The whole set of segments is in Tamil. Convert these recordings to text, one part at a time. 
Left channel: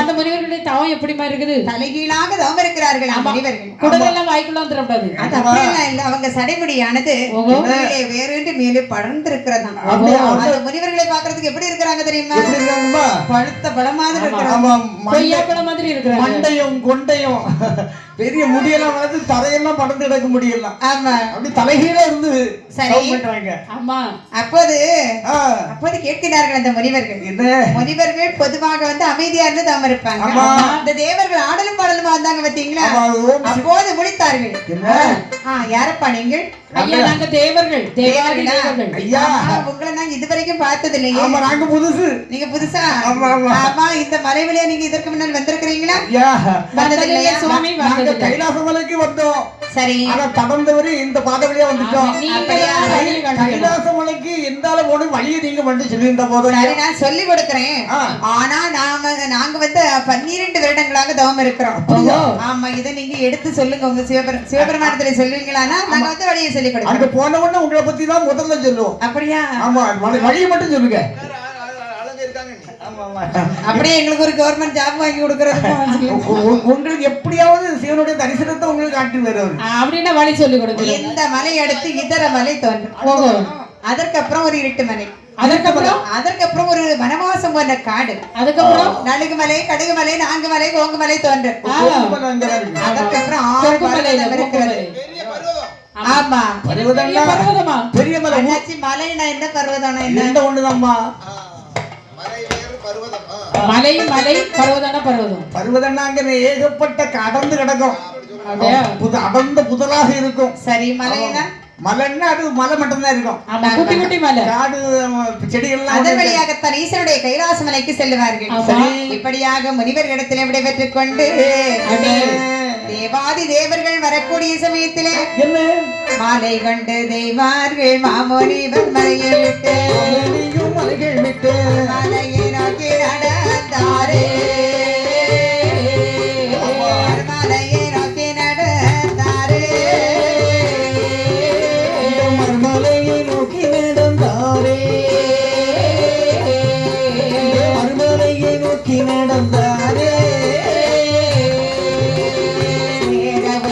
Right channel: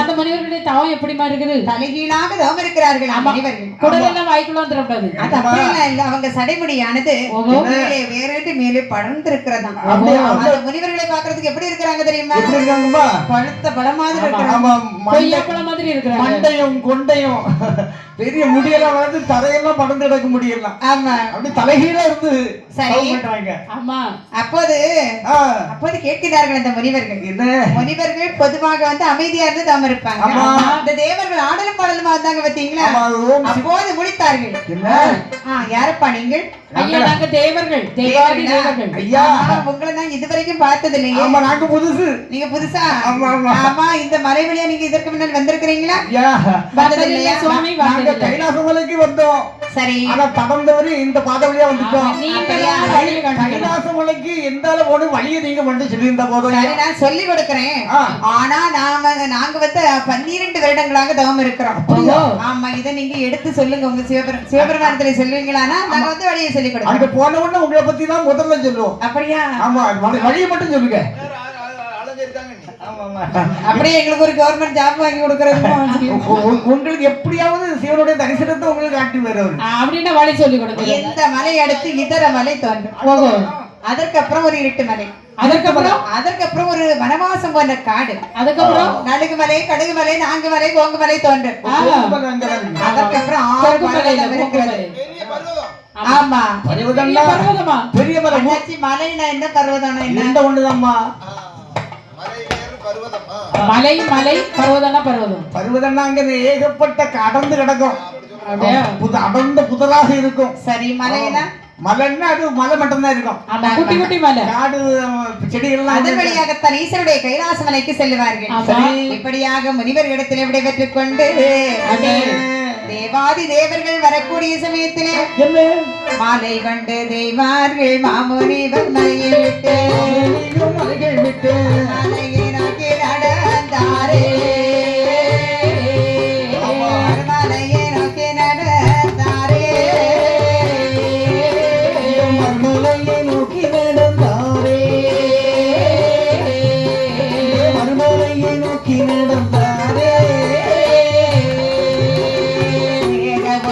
அந்த முனிவர்களுடைய தவம் எப்படிமா இருக்குது? தலைகீழாக தவம் இருக்கிறார்கள் முனிவர்கள். குடலெல்லாம் வாய்க்குள்ள வந்துடக்கூடாது. அது அப்படியெல்லாம் இல்ல, அவங்க சடைமுடியானது வேறு மேலே படர்ந்து இருக்கிறதா. அந்த முனிவர்களை பாக்குறதுக்கு எப்படி இருக்கிறாங்க தெரியுமா? பழுத்த பழம் மாதிரி இருக்கிறாங்க, கொய்யா பழம் மாதிரி இருக்கிறாங்க. மண்டையும் கொண்டையும் பெரிய முடியெல்லாம் வந்து தரையெல்லாம் படர்ந்து எடுக்க முடியல. ஆமா, அப்படி தலைகீழ இருந்து சரி பண்றாங்க. ஆமா, அப்போது கேட்கிறார்கள் அந்த முனிவர்கள். முனிவர்கள் பொதுவாக வந்து அமைதியா இருந்து தவம் இருப்பாங்க. அந்த தேவர்கள் ஆடலும் பாடலுமா வந்தாங்க பாத்தீங்களா? அப்போது முடித்தார்கள். யாரப்பா நீங்கள்? ஐயா, நாங்க தேவர்கள். தேவர்கள் ஐயா, உங்களை நான் இதுவரைக்கும் பார்த்தது இல்லையே. ஆமா, நாங்க புதுசு. நீங்க புதுசா? ஆமா ஆமா. இந்த மலை வழியா நீங்க இதற்கு முன்னால் வந்திருக்கிறீங்களா? வந்தது இல்லையா சுவாமி? நாங்க கைலாச மலைக்கு வந்தோம். சரி, ஆனா தடந்தவரி இந்த பாதை வழியா வந்துட்டோம். கைலாச மலைக்கு எந்த அளவு வழியை நீங்க மட்டும் சொல்லியிருந்த போதும் நான் சொல்லி கொடுக்கிறேன். ஆனா நாங்க வந்து 12 வருடங்களாக தவம் இருக்கிறோம். ஆமா, இதை நீங்க எடுத்து சொல்லுங்க. உங்க சிவபெருமானத்துல சொல்லுவீங்களான்னா நாங்க வந்து வழியை சொல்லி கொடுக்கிறோம். அங்க போன உடனே உங்களை பத்தி தான் முதல்ல சொல்லுவோம். அப்படியா? ஆமா, வழியை மட்டும் சொல்லுங்க. அப்படியே எங்களுக்கு ஒரு கவர்மெண்ட் ஜாப் வாங்கி கொடுக்கறது. உங்களுக்கு எப்படியாவது சிவனுடைய தரிசனத்தை உங்களுக்கு காட்டி வருவாரு அப்படின்னா வழி சொல்லி கொடுங்க. எந்த மலை அடுத்து இதர மலை தோன்றும். அதற்கப்புறம் ஒரு இருட்டு மலை, அதற்கப்புறம் ஒரு வனவாசம் போன்ற காடு, அதுக்கப்புறம் நலுகு மலை, கடுகு மலை, நான்கு மலை, கோங்கு மலை தோன்றும். அதற்கப்புறம் 6 பர்வதம் இருக்கிறது. ஆமா, பர்வதமா? பெரிய மலை. மலைனா என்ன, பர்வதம் என்ன ஒண்ணுதாம்மா? மலை மலை, பர்வதம்னா பர்வதம். பர்வதம்னா அங்க ஏகப்பட்ட அடர்ந்து கிடக்கும், அடர்ந்த புதலாக இருக்கும். சரி, மலைனா? மலைன்னா அது மலை மட்டும்தான் இருக்கும். குட்டி குட்டி மலை, காடு, செடிகள்லாம். அதன் வழியாகத்தான் ஈஸ்வருடைய கைலாச மலைக்கு செல்லுவார்கள். இப்படியாக முனிவர்களிடத்தில் விடைபெற்றுக் கொண்டு தேவாதி தேவர்கள் வரக்கூடிய சமயத்திலே மாலை கண்டு தெய்வார்கள் மாமுனிவர் மலையை விட்டு மலையை நோக்கி நடந்தாரே. மலையை நோக்கி நடந்தாரே, மலையை நோக்கி நடந்தாரே, மலையை நோக்கி நடந்தாரே.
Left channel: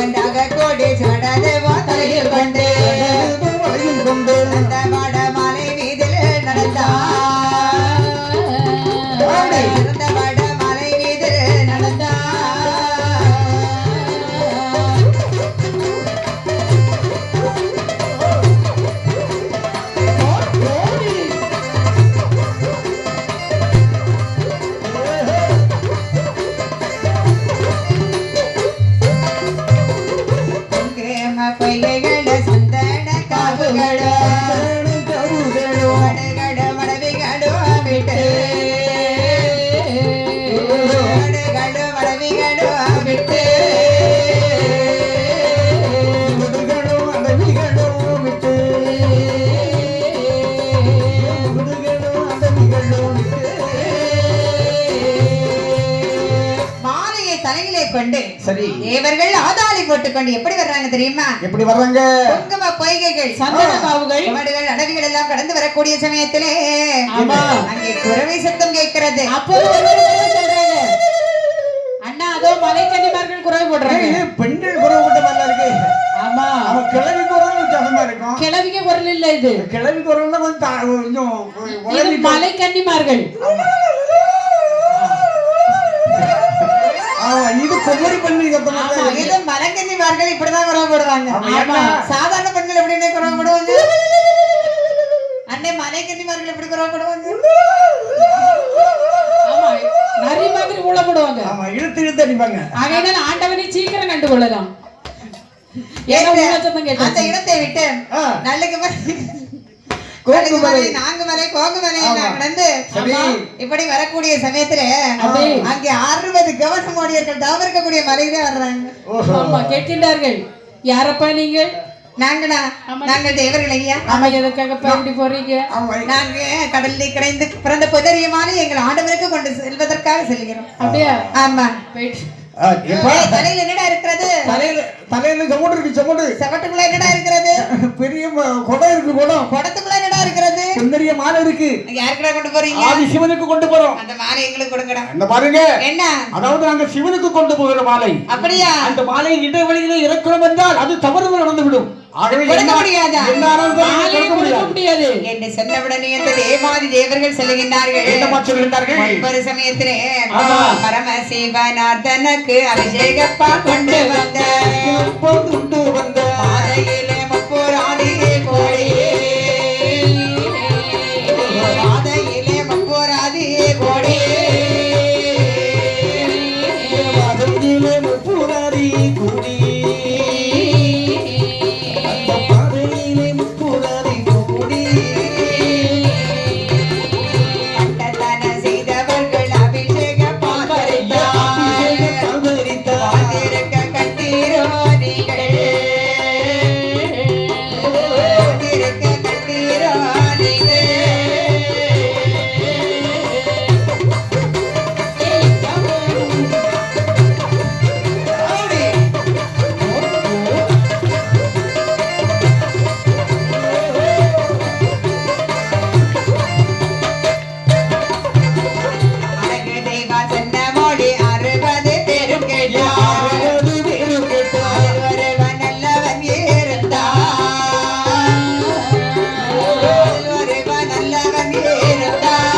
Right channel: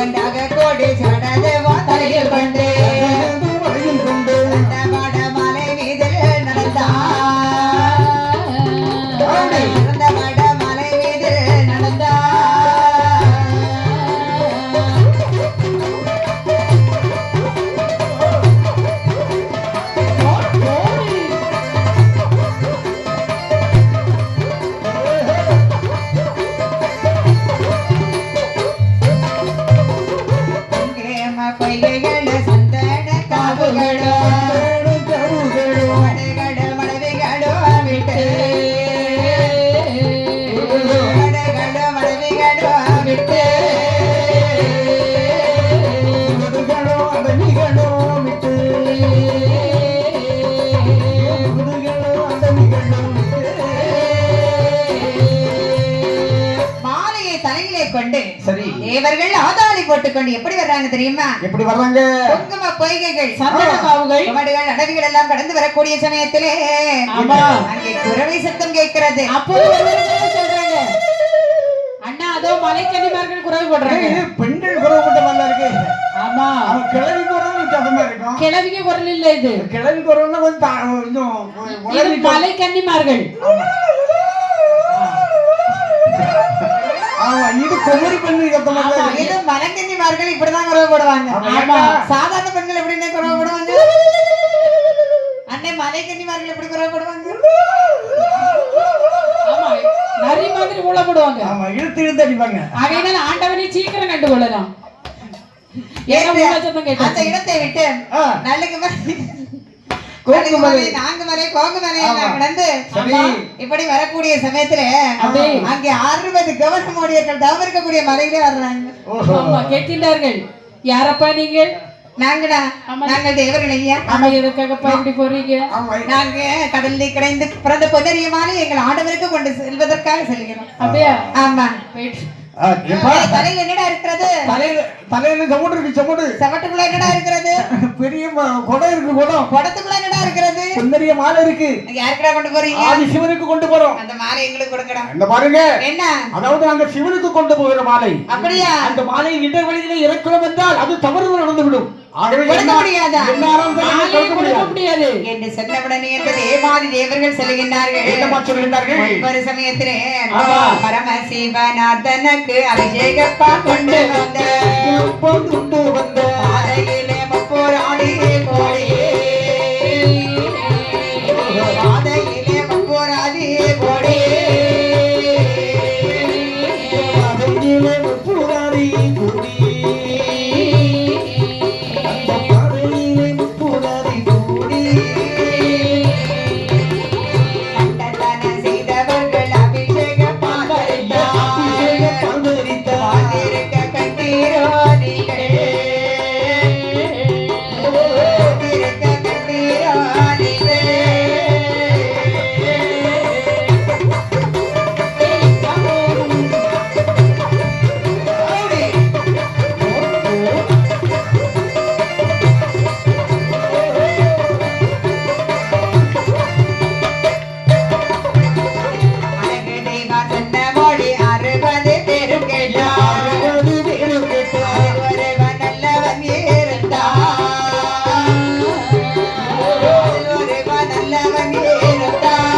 ஒன்றாக கோடி சொன்னது வாதையில் கொண்டு அந்த வட மலை மீதில் நடந்தார். அந்த வட மலை மீதில் நடந்தார். தேவர்கள் ஆதாளி போட்டுக்கொண்டு எப்படி வர்றாங்க தெரியுமா? எப்படி வர்றாங்க? குங்கும பொய்கைகள், சந்தன காவுகள், வடுகள், அடவிகள் எல்லாம் கடந்து வரக்கூடிய சமயத்திலே அங்கே குரவை சத்தம் கேட்கிறது. அப்போது சொல்றாங்க, அண்ணா அதோ மலைக்கன்னிமார்கள் குரவை போடுறாங்க. பெண்கள் குரவை போட்ட மாதிரி இருக்கு. ஆமா, அவ கிழவி குரல் வித்தியாசமா இருக்கும். கிழவிக்கு குரல் இல்ல, இது கிழவி குரல்னா கொஞ்சம் மலைக்கன்னிமார்கள். இது குமரி பெண்கள் இது மலைக்கன்னிமார்கள் இப்படிதான் குரவை போடுவாங்க. சாதாரண பெண்கள் எப்படின்னே குரவை போடுவாங்க. அண்ணே, மலைக்கன்னிமார்கள் எப்படி குரவை போடுவாங்க? ஆமா, நரி மாதிரி ஊழ போடுவாங்க. ஆமா, இழுத்து இழுத்து அடிப்பாங்க. அதனால ஆண்டவனை சீக்கிரம் கண்டு கொள்ளலாம். அந்த இடத்தை விட்டு நாங்குமலை கோங்குமலை எல்லாம் கடந்து இப்படி வரக்கூடிய சமயத்துல அங்கே 60 கவசமோடியர்கள் தவம் இருக்கக்கூடிய மலையிலே வர்றாங்க. கேட்கின்றார்கள், யாரப்பா நீங்கள்? நாங்கள் தேவர்கள் ஐயா. எதுக்காகப்பா இப்படி போறீங்க? நாங்க கடலில் கிடைந்து பிறந்த பொன்னரியமான எங்கள் ஆண்டவருக்கு கொண்டு செல்வதற்காக செல்கிறோம். அப்படியா? ஆமா. எப்பா தலையில என்னடா இருக்கிறது? தலையில சமுடு இருக்கு சமுடு. சவட்டுக்குள்ள என்னடா இருக்கிறது? பெரிய குடம் இருக்கு குடம். குடத்துக்குள்ள என்னடா இருக்கிறது? சுந்தரிய மாலை இருக்கு. யாருக்குடா கொண்டு போறீங்க? ஆதி சிவனுக்கு கொண்டு போறோம். அந்த மாலை எங்களுக்கு கொடுக்கணும். இந்த பாருங்க, என்ன? அதாவது நாங்க சிவனுக்கு கொண்டு போகிற மாலை. அப்படியா? அந்த மாலையை இடைவெளியில இறக்கிறோம் என்றால் அது தவறு நடந்துவிடும். ஆகவே கொடுக்க முடியாதா? மாலை கொடுக்க முடியாது என்று சொன்னவுடனே அந்த தேவாதி தேவர்கள் செல்கின்றார்கள். என்னமா சொல்கிறார்கள்? ஒரு சமயத்திலே ஆமா. பரமசிவநாதனுக்கு அபிஷேகப்பா கொண்டு வந்த கொண்டு வந்த மாலையிலே முப்போராதியே கோடியே மாலையிலே முப்போராதியே கோடியே மகனிலே முப்புராரி கூடி அந்த மகனிலே முப்புராரி கூடி அண்டதான செய்தவர்கள் அபிஷேக பாதரித்தார் பாதிருக்க கண்டீரோ நீங்கள் பாதிருக்க கண்டீரோ நீங்கள் அழகு தெய்வா சொன்ன மொழி 60 பேரும் கேட்டார். ஒருவன் நல்லவன் இருந்தான். ஒருவன் நல்லவன் இருந்தான்.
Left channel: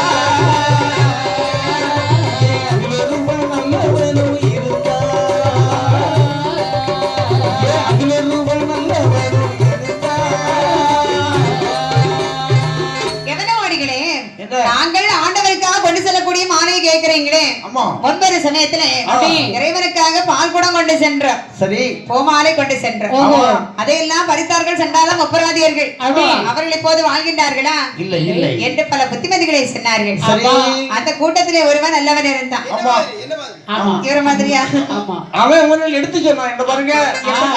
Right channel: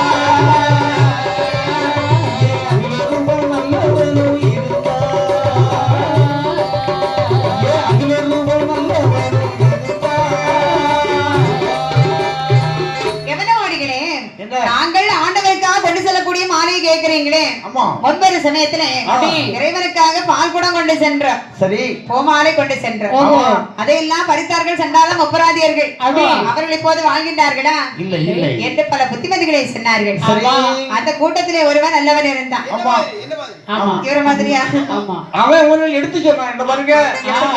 எவனவாடிகளே, என்ன? நாங்கள் ஆண்டவருக்காக கொண்டு செல்லக்கூடிய மாலையை கேட்கிறீங்களே. ஆமா. ஒன்பது சமயத்திலே ஆ. இறைவனுக்காக பால் குடம் கொண்டு சென்றோம், சரி. பூமாலை கொண்டு சென்றோம். ஓஹோ. அதையெல்லாம் பறித்தார்கள் சண்டாளம் ஒப்பராதியர்கள். அப்படி. அவர்கள் இப்போது வாழ்கின்றார்களா இல்லை இல்லை. என்று பல புத்திமதிகளை சொன்னார்கள். சரி. அந்த கூட்டத்திலே ஒருவன் நல்லவன் இருந்தான். ஆமா. ஆமா இவர மாதிரியா? ஆமா அவன் உங்களை எடுத்து சொன்னான். இந்த பாருங்க,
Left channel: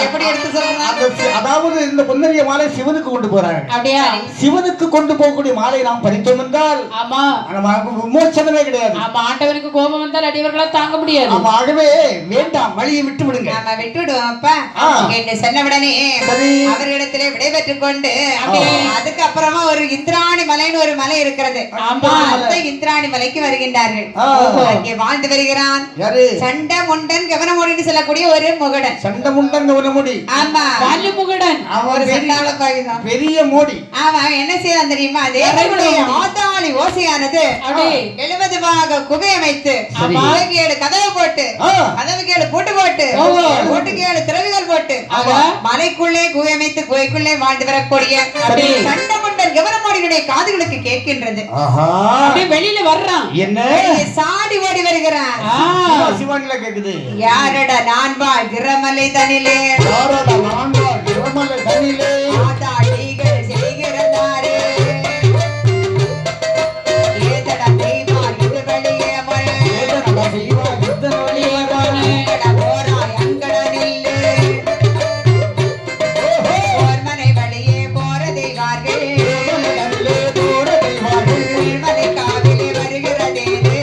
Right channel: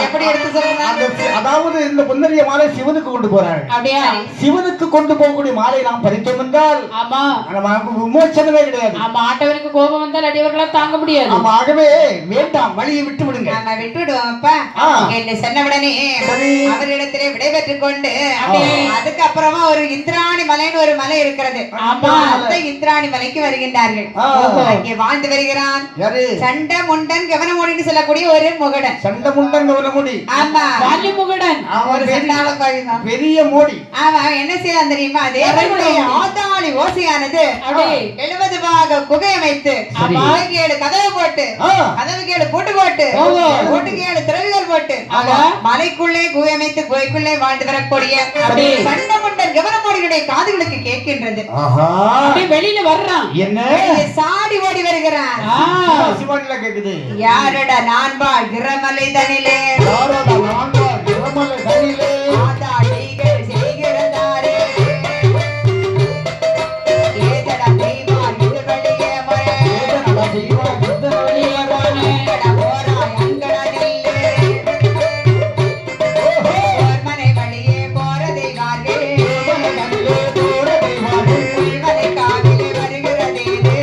எப்படி எடுத்து சொல்றான்? அதாவது இந்த பொன்னரிய மாலை சிவனுக்கு கொண்டு போறாங்க. அப்படியா சிவனுக்கு கொண்டு போகக்கூடிய மாலை நாம் பறித்தோம் என்றால் ஆமா நமக்கு விமோசனமே கிடையாது. ஆமா ஆண்டவருக்கு கோபம் வந்தால் அடியவர்களால் தாங்க முடியாது ஆமா, ஆகவே வேண்டாம், வழியை விட்டு விடுங்க. நாம விட்டுடுவோம் அப்பா ஆ. என்று சொன்னவுடனே சரி. அவர்களிடத்திலே விடைபெற்றுக் கொண்டு அப்படியே. அதுக்கப்புறமா ஒரு இந்திராணி மலைன்னு ஒரு மலை இருக்கிறது. ஆமா. அந்த இந்திராணி மலைக்கு வருகின்றார்கள். ஆ. அங்கே வாழ்ந்து வருகிறான் யாரு? சண்ட முண்டன் கவனமோடிட்டு செல்லக்கூடிய ஒரு முகடன். சண்டை முண்டன் முடி. ஆமா, வாலிமுகடன் அவன் ஒரு பெரிய- சண்டாள பையன். பெரிய மோடி. ஆமா, என்ன செய்யலாம் தெரியுமா? தேவனுடைய ஆத்தாளி ஓசையானது அப்படியே. 70 பாக குகையை வைத்து சரி. மலைக்கேடு கதவு போட்டு ஆ. கதவுக்கேடு பூட்டு போட்டு ஓஹோ. பூட்டுக்கேடு திறவுகள் போட்டு ஆமா. மலைக்குள்ளே குகை அமைத்து குகைக்குள்ளே வாழ்ந்து வரக்கூடிய சரி. சண்டமுண்டன் கவனமாடிகளுடைய காதுகளுக்கு கேட்கின்றது. ஆஹா. அப்படியே வெளியில வர்றான் என்ன? வெளியே சாடி ஓடி வருகிறான். சிவானில கேக்குது. யாரடா நான் வாழ் கிரமலை தனிலே யாரோட ஆண்டாள் திருமலை தனிலே ஆதாளிகள் செய்கிறதாரே ஏதடா தெய்வா இது வெளியே மலை ஏதன தெய்வா யுத்தன வழியதானே. ஏதடா போராய் அங்கடனில்லே மனை வழியே போற தெய்வார்கள் தேவனே தோர தெய்வானே. மனை காதிலே வருகிறதேனே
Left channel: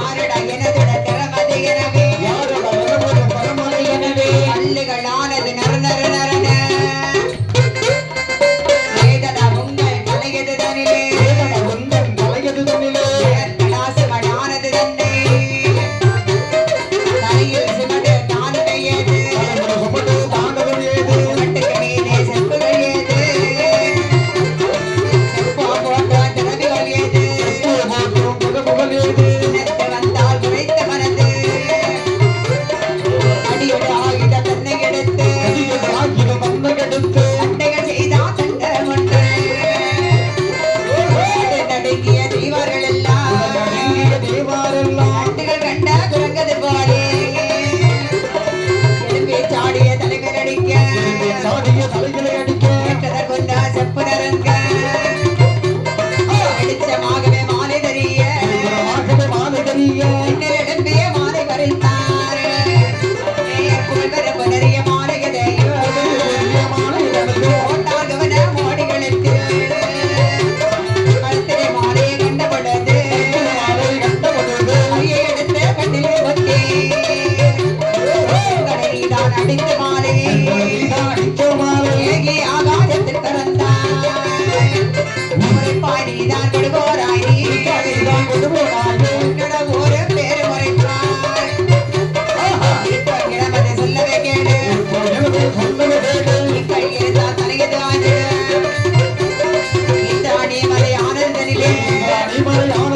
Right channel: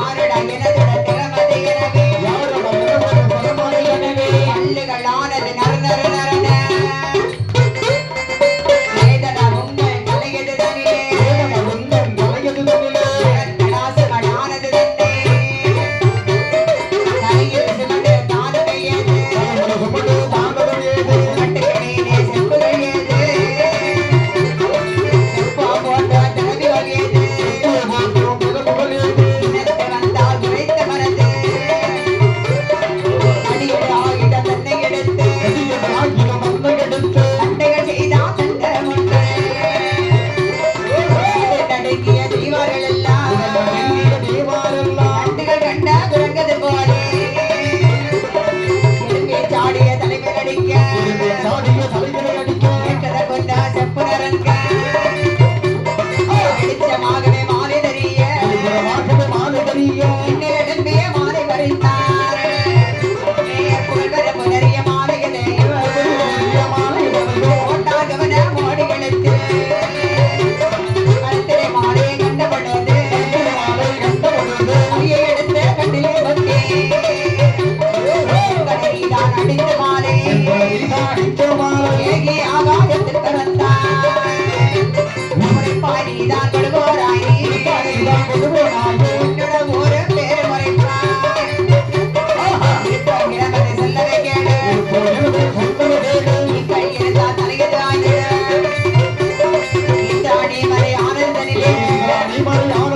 ஆரடா எனதட திறமதி எனவே யாரோட திருமலை தரமலை எனவே.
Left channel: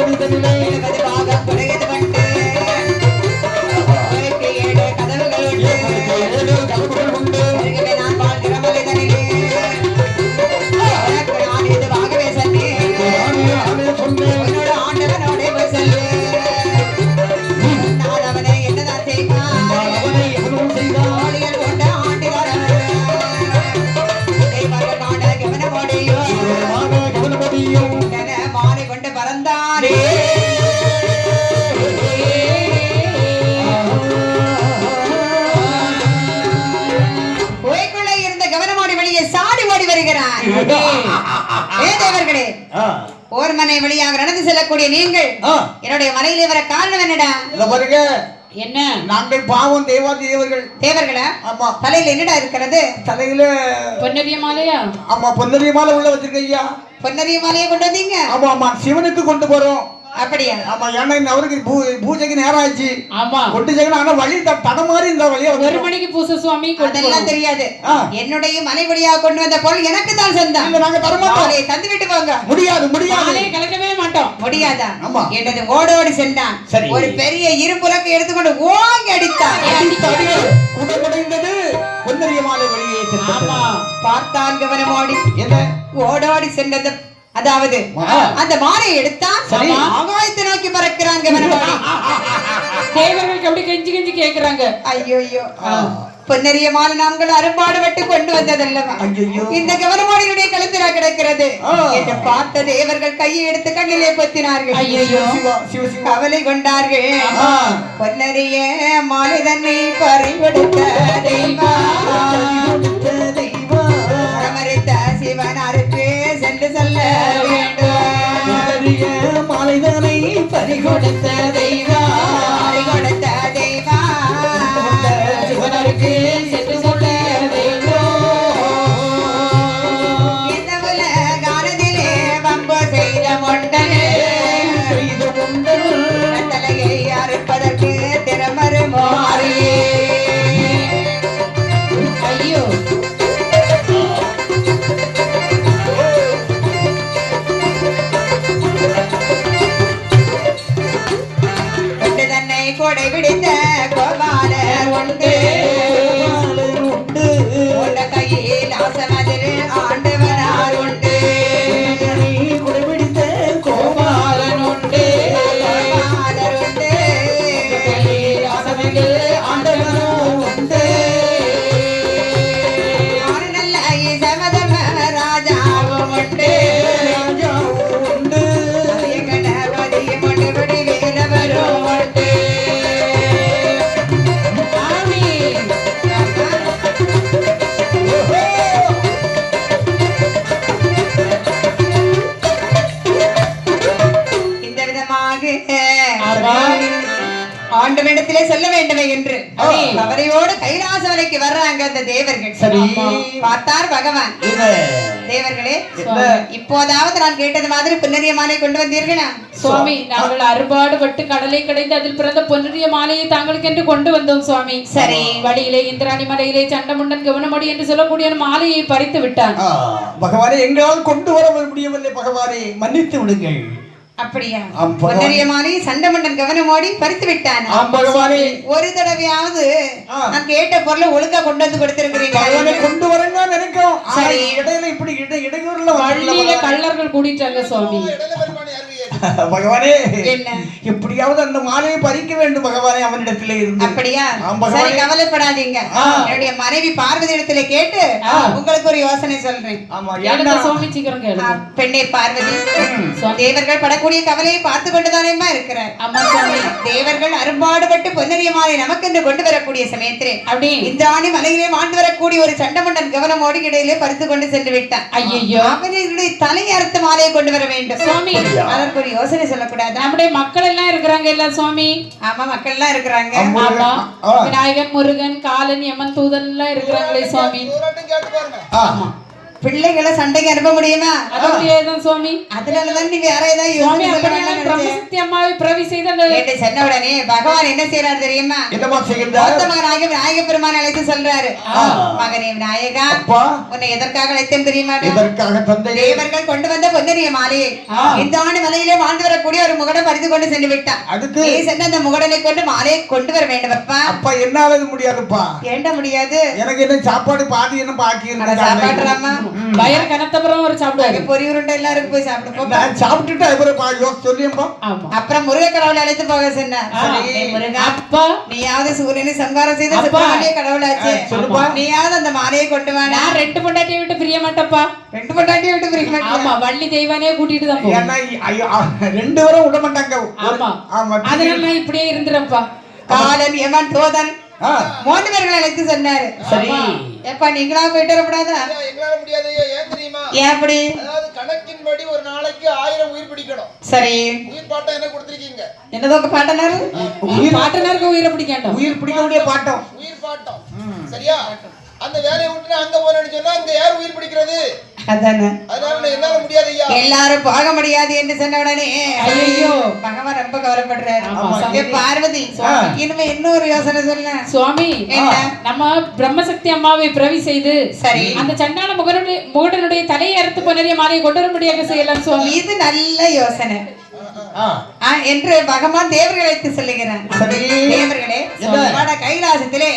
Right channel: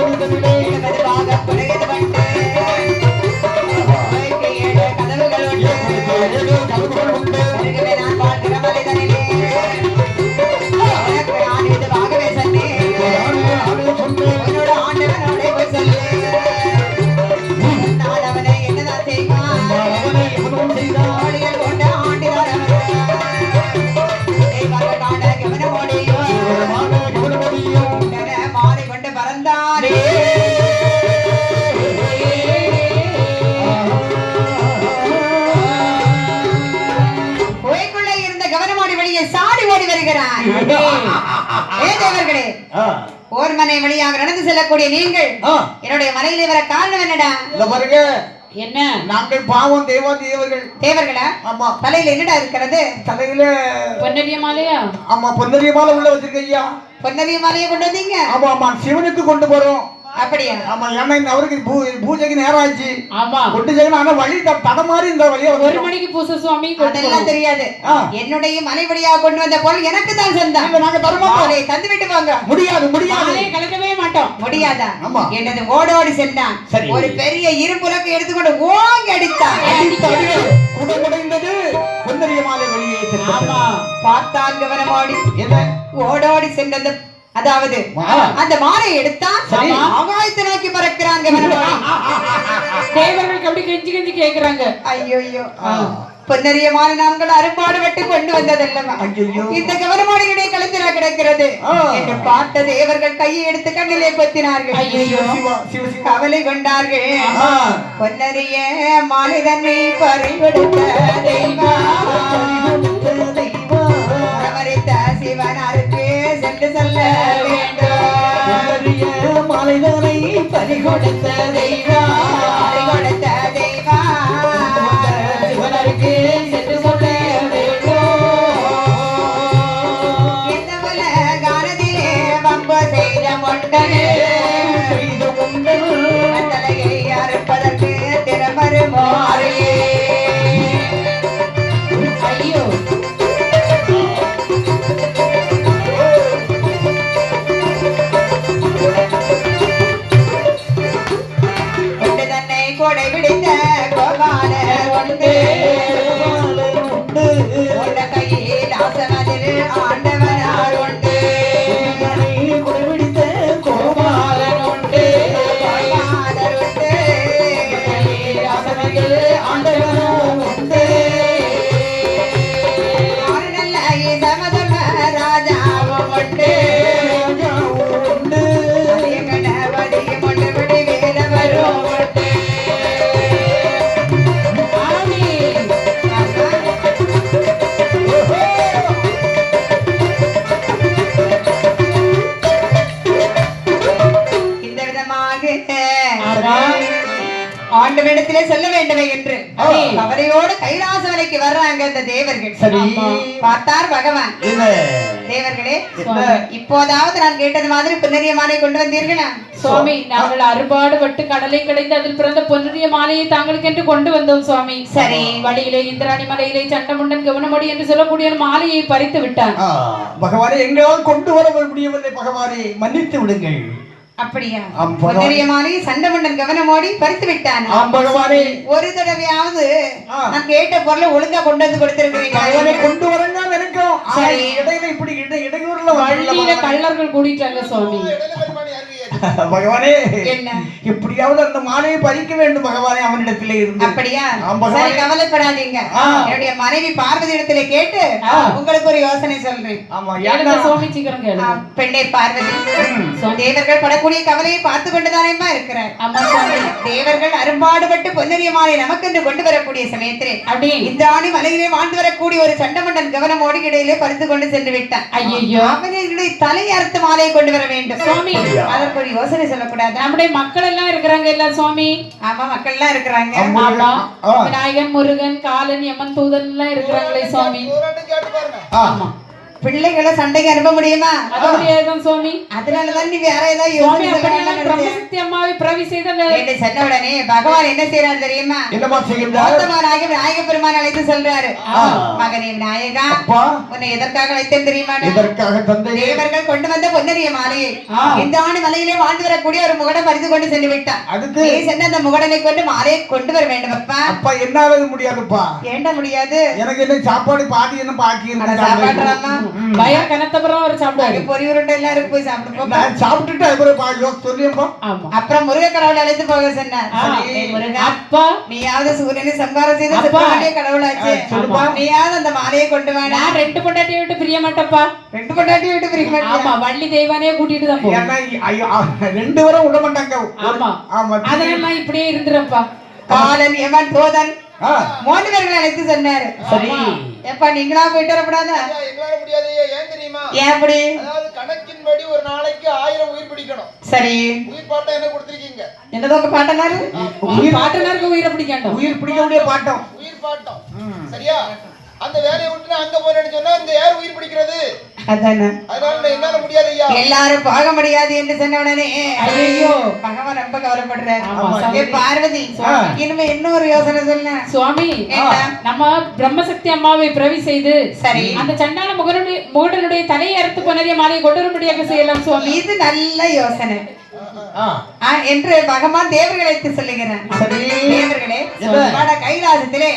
வீடுகளிலே பாகம் குறையது வந்து கோயிலுக்கு 7 கதவுகள் உண்டு. கதவுகள் உண்டு. அருகிலே நான் வாழ்கிற மலைதனிலே எனக்கு நான் இதுவாகவே சொன்னேன். உன்னோட ஆண்டவனோட போய் சொல்லு. நான் அவனை என்னதான் செய்வான்? வழியில் கொண்ட ஆண்டினார் தெய்வங்கள் காண கவனமோடியும் மாலை கொண்டு பறந்தானே. குகைக்குள்ளே இருந்த கவனமோடி வெளியே சாடி ஓடி வருகிறான். ஏ தேவர்களே, ஓர் மனை வழியாக நடந்து செல்லக்கூடிய நீங்கள் என்னுடைய மலையிலே வர காரணம் என்னடா? பாருங்க, என்ன நாங்கள் பாவம் தேவாதி தேவர்கள். தேவர்களா? ஆமா, தலையில என்னடா இருக்கிறது? தலையில பொன்னரிய மாலையா? ஆமா பொன்னரிய மாலை உள்ள வச்சிருக்க ஐயா. பொன்னரிய மாலையை கொண்டு வந்தீங்க? ஆமா ஆமா, சிவனுக்கு கொண்டு போறோம். அப்படியா? ஆமா, ஏன்னா இந்த அவருக்கு பூஜைக்கு நேரம் ஆச்சு. ஆமா, கொண்டு செய்யணும். ஆனா வழி தடமாறி இந்த வழியா 1 மணிக்கு பூசை சுவாமி கொண்டு அதெல்லாம் தெரியாது. என்னுடைய மலைபடியாக கொண்டு வந்த பொருள் எனக்கு தான் சொந்தம். நாங்க தரமாட்டோம். அதை தந்து விட்டு போங்க. முடியாது முடியாது. மாலையை கலக்கவே மாட்டோம். முடியாதா? ஆமா. என்னது ஓடோடி சென்றான். சரி. ஒரு பெரிய இருபுறக்கு எடுத்துக்கொண்டு ஓங்கி அடித்தான். குடைந்தது பொன்னரிய மாலை வெளியே ஆமா, பார்த்தான் கவனமோடி. என்ன ஓடோடி சென்றது, அதாவது அந்த மாலை எடுத்தான். சரி. ஆகாயத்தை நோக்கி பறக்கிறான் கவனமோடி. தேவர்களுக்கு அப்படி கெஞ்சி கெஞ்சி கேக்குறாங்க. ஐயோ பொன்னரிய மாலை நாங்கள் அரும்பாடு விட்டு கொண்டு வந்ததல்லவா? ஐயையோ. இந்த கவனமோடியுடைய கழுத்தில கிடக்கிறது என்று பார்த்த தேவர்கள் கையை எடுத்து கண்ணிலே பொத்தினார்கள். ஐயோ, கவலை கொண்டார்கள். பொன்னரிய மாலை தன்னை பறி கொடுத்த தெய்வமரித்த சிவனாருக்கு சென்று சொல்ல வேண்டும். மாலைதனை பறி கொடுத்த தெய்வம். பறி கொடுத்த தெய்வம் சிவனருக்கு சென்று சொல்ல வேண்டும். இந்த உலகானதிலே வம்பு செய்த மொண்டனே தலையை அறுப்பதற்கு திறமறு மாறியே. ஐயோ, கொண்டு தன்னை கொடை விடுத்த கோபால உண்டு. கொண்ட கையில் ஆசமதிரு ஆண்டவனார் உண்டு. கோபாலன் உண்டு. கோபாலர் உண்டு. ஆண்டவனும் உண்டு. ஆறு நல்ல ஈசமதம ராஜாவும் உண்டு. அதிய கணபதியும் உண்டு. விடி வேதவரும் உண்டு. ஆமீன். இந்த விதமாக ஆமா. ஆண்டவனிடத்திலே சொல்ல வேண்டுமே என்று சரி. அவரையோடு கைலாசவனைக்கு வர்றாங்க இந்த தேவர்கள். சரி. பார்த்தார் பகவான். என்ன தேவர்களே, என்ன? இப்போதாவது நான் கேட்டது மாதிரி பொன்னரிய மாலை கொண்டு வந்தீர்களா? சுவாமி, நாங்கள் அறுபாடு பட்டு கடலை கடைந்து அதில் பிறந்த பொன்னுடைய மாலையை தாங்களுக்கு என்று கொண்டு வந்தோம் சுவாமி. சரி. வழியிலே இந்திராணி மலையிலே சண்டமுண்டன் கவனமடி என்று சொல்லக்கூடிய ஒரு மாலையை பறித்து விட்டான். பகவானே, எங்களால் கொண்டு வர முடியவில்லை. பகவானே, மன்னித்து விடுங்கள். அப்படியா? ஆம், பகவான். பொன்னரிய மாலை சண்டமண்டன் கவனமோடி பறித்து விட்டான். ஆம் பகவானே. ஒரு தடவையாவது நான் கேட்ட பொருளை ஒழுங்கா கொண்டு வந்து பகவானே, கொடுத்திருக்கிறீங்க. கொண்டு வரங்க நினைக்கிறோம். சரி. இடையில இப்படி இடையூறுல வழியில கள்ளர்கள் கூடிட்டாங்க சுவாமி. பகவானே, என்ன? எப்படியாவது அந்த மாலையை பறிக்க வேண்டும் பகவானே, அவனிடத்திலே இருந்து. அப்படியா? ஆம் பகவானே. சரி, கவலைப்படாதீங்க. என்னுடைய மனைவி பார்வதி இடத்துல கேட்டு உங்களுக்கு ஒரு யோசனை சொல்றேன். ஆமா, எனக்கு ஏன்னா சுவாமி சீக்கிரம் கேளு. பெண்ணே பார்வதி, தேவர்கள் படக்கூடிய கவலையை பார்த்து கொண்டுதானேமா இருக்கிறார். ஆமா சுவாமி. தேவர்கள் அரும்பாடுபட்டு பொன்னரிய மாலை நமக்கு என்று கொண்டு வரக்கூடிய சமயத்திலே அப்படி இந்த ஆணி மலையிலே வாழ்ந்து வரக்கூடிய ஒரு சண்டமண்டன் கவனமோடி இடையிலே பறித்து கொண்டு சென்று விட்டான். ஐயோ, அவனுடைய தலை அறுத்த மாலையை கொண்டு வர வேண்டும். சுவாமி, அதற்கு ஒரு யோசனை சொல்லக்கூடாதா? நம்முடைய மக்கள் எல்லாம் இருக்கிறாங்க இல்ல சுவாமி? ஆமா, மக்கள் எல்லாம் இருக்கிறாங்க. ஆமா, விநாயகன், முருகன், காலன், யமன், தூதன் எல்லாம் இருக்கிறாங்களே சுவாமி. ஆமா. பிள்ளைகளை சண்டைக்கு அனுப்ப முடியுமா? அது முடியாதுதான் சுவாமி. அதனாலதான் நீ வேற ஏதாவது சுவாமி யோசனை அப்படியெல்லாம் சொல்லலாம்னு பிரம்மசக்தி அம்மாவை பிறவி செய்த அந்த கேட்டு சொன்ன உடனே பகவான் என்ன செய்யறாரு தெரியுமா? என்னமா செய்கின்றார்? மோத்தமனாகிய விநாயக பெருமான் அழைத்து சொல்றாரு, மகனே விநாயகா, அப்பா உன்னை எதற்காக அழைத்தேன் தெரியுமா? இதற்காக தந்தை தேவர்கள் கொண்டு வந்த பொன்னரிய மாலையை இந்த ஆண்டு மலையிலே வாழ்ந்து வரக்கூடிய ஒரு முகடம் பறித்து கொண்டு சென்று விட்டான். அதுக்கு நீ சென்று அந்த முகடனை கொண்டு மாலையை கொண்டு வர வேண்டும். அப்பா அப்பா என்னால முடியாதுப்பா. ஏண்ட முடியாது? எனக்கு என்ன சாப்பாடு பாதி என்ன பாக்கி சாப்பாடுறாமா? வயல் கனத்தப்புறம் ஒரு சாப்பிடுவாரு. பொறி உருண்டை எல்லாரும் போய் சாப்பிட்டு போ. நான் சாப்பிட்டுட்டு அப்புறம் சொல்லியப்பா. ஆமா. அப்புறம் முருக கடவுளை அழைத்து போக சொன்னார். சரி முருகா, அப்பா நீயாவது சூரியனை சம்ஹாரம் செய்த சிவனுடைய கடவுளாச்சே, சொல்லுப்பா. நீயாவது அந்த மாலையை கொண்டு வா. நான் 2 பொண்டாட்டியை விட்டு பிரிய மாட்டேப்பா. 2 பொண்டாட்டியை விட்டு பிரிய மாட்டியா? ஆமா, வள்ளி தெய்வானே கூட்டிட்டு தான் போவேன். ஏன்னா ஐயோ 2 பேரும் விட மாட்டாங்க. ஆமா. ஆமா. அதனால நான் இப்படியே இருந்துறேன்ப்பா. காலன் எவன் தோதன் 3 பேர்களை அழைத்து சொன்னாரு. சரி. எப்பா நீங்களா போயிட்டு வரக்கூடாதா? எங்களால முடியாது. ஏன் தெரியுமா? ஏன் அப்படி? அதாவது கணக்கின்படி ஒரு நாளைக்கு 1000 உயிர் பிடிக்கணும். சரி, உயிர் பாட்டம் என்ன கொடுத்திருக்கீங்க? என்னதோ உங்க பாட்டனாரு பாட்டனருக்கு உயிரை பிடிக்கணும். உயிர் பிடிக்க முடிய பாட்டம். உயிர் பாட்டம். சரியா? அந்த வேலையை விட்டு நான் அங்க போறேன்னு சொன்னா இந்த யார் உயிர் பிடிக்கிறது? அதானே. அதனால நான் என்னால முடியாது ஐயா. எல்லாரும் போக முடியாது என்று சொன்ன உடனே ஐயோ, பகவான் ரொம்ப கவலைப்படுறாரு. ஆமா, ஏ பார்வதி, இனிமே இன்னொரு யோசனை சொல்ல. சுவாமி, என்ன? நம்ம பிரம்மசக்தி அம்மாவை பிறவி செய்து சரி, அந்த சண்டான முகடனுடைய தலையை அறுத்து பொன்னரிய மாலையை கொண்டு வரும்படியாக செய்யலாம் சுவாமி. இது நல்ல யோசனை என்று பகவான் தேவர்களை அழைத்து சொல்லுகிறார். சரி. தேவர்களே, வட கைலாசத்திலே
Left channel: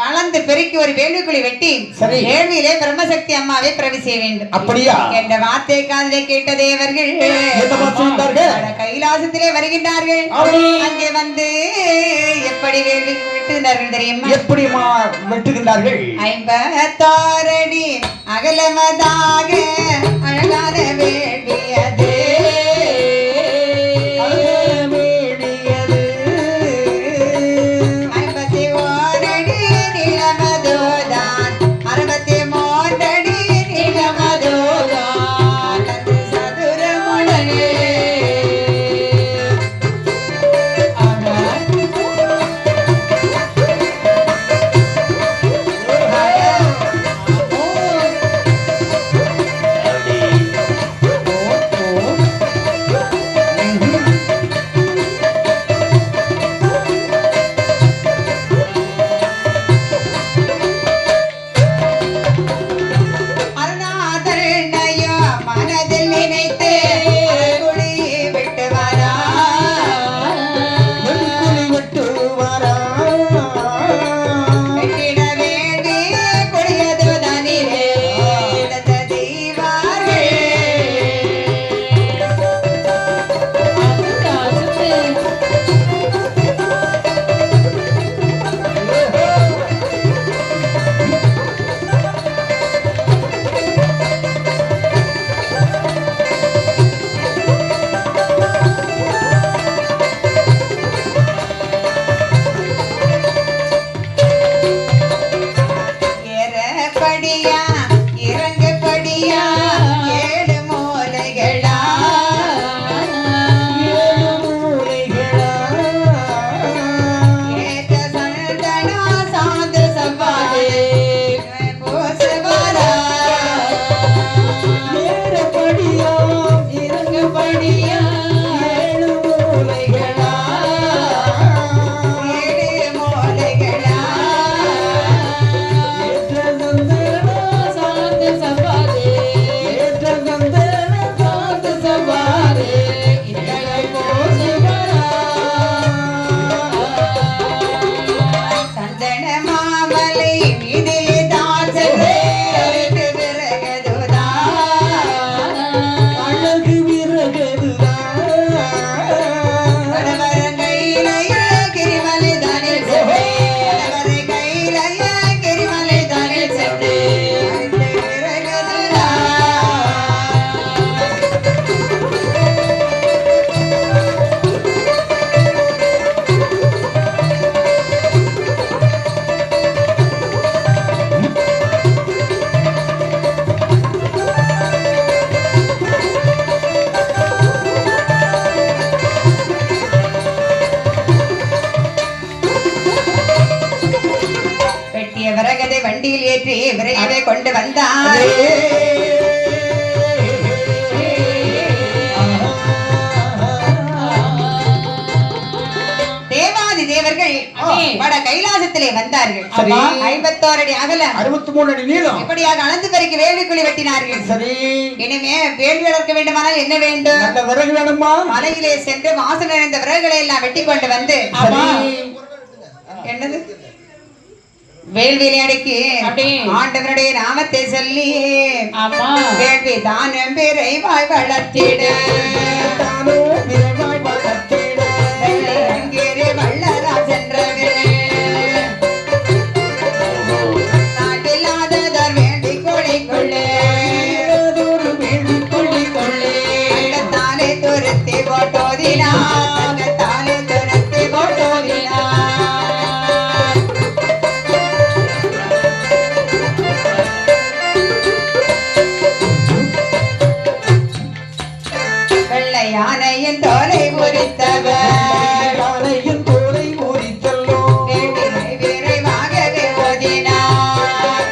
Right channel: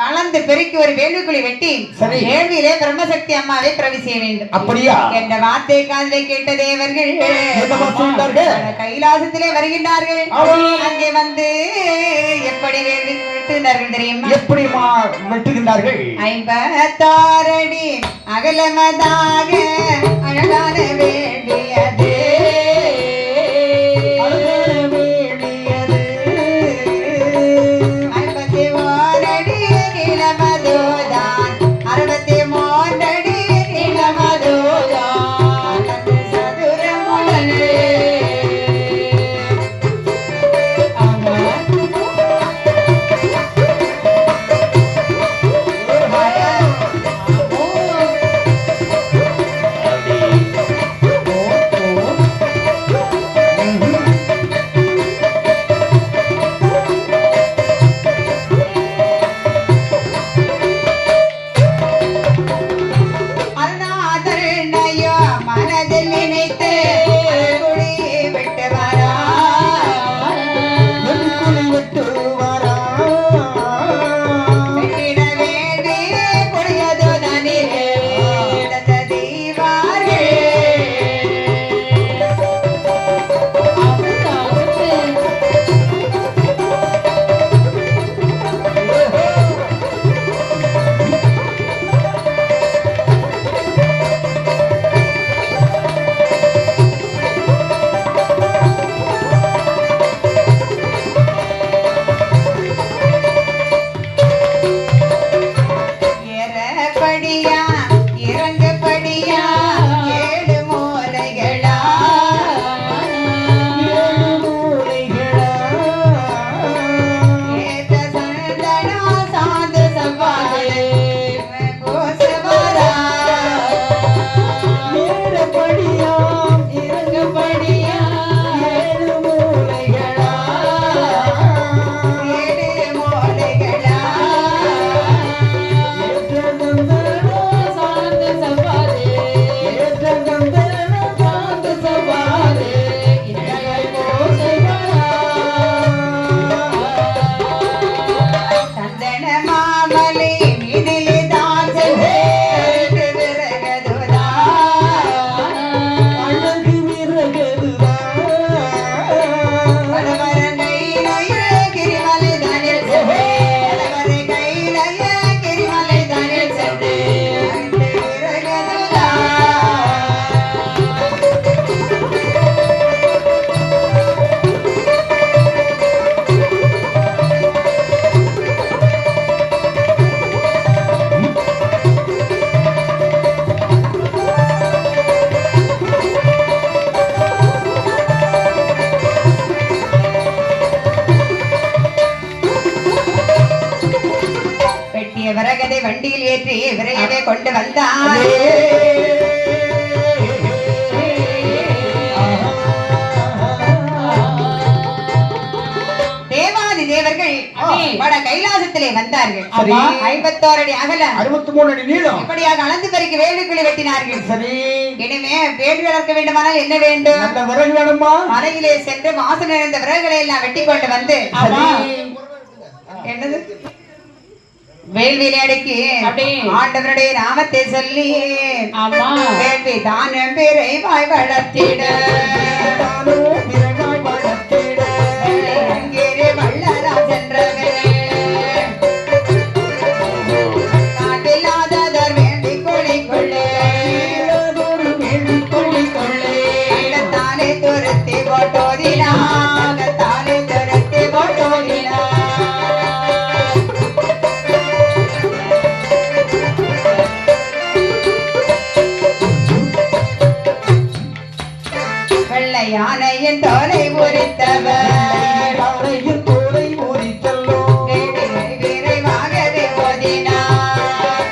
வளர்ந்து பெருக்கி ஒரு வேள்விக்குழி வெட்டி சரி. வேள்வியிலே பிரம்மசக்தி அம்மாவை பிரவி செய்ய வேண்டும். அப்படியா? என்ற வார்த்தை காதிலே கேட்ட தேவர்கள் என்னமா செய்தார்கள்? வட கைலாசத்திலே வருகின்றார்கள். அங்கே வந்து எப்படி வேள்வி விட்டுகிறார்கள் தெரியுமா? எப்படி வெட்டுகின்றார்கள்? 56 அடி அகலமதாக அழகான வேள்வி அது. வெட்டினார்கள் சரி. 51 அடி அகல 63 அடி நீளம். இப்படியாக அளந்து பறிக்கு வேள்விக்குழி வெட்டினார்கள் சரி. இனிமே வேள்வி வளர்க்க வேண்டுமானால் என்ன வேண்டும்? நல்ல விறகு வேணுமா? மலையிலே சென்று வாசல் நிறைந்த விறகுகளை எல்லாம் வெட்டி கொண்டு வந்து சரி. என்னது வேள்வியிலே அடக்கி அப்படியே. ஆண்டவருடைய நாமத்தை சொல்லி ஆமா வேள்வி தானம் பேரை வாய் வளர்த்திட தானே விறகாய் வளர்த்திட. வெள்ளங்கேறி வள்ளராஜென்றவரே நாட்டில்லாததோர் வேள்வி குழிக்குள்ளே ஒரு வேள்வி கொள்ளிக்கொள்ளே. தானே துரத்தி போட்டோதினா தானே துரத்தி போட்டோதினா வெள்ளை யானையின் தோலை முறித்தவர் யானையின் தோலை முறித்தல்லோ. வேட்டினை விரைவாகவே ஓதினார்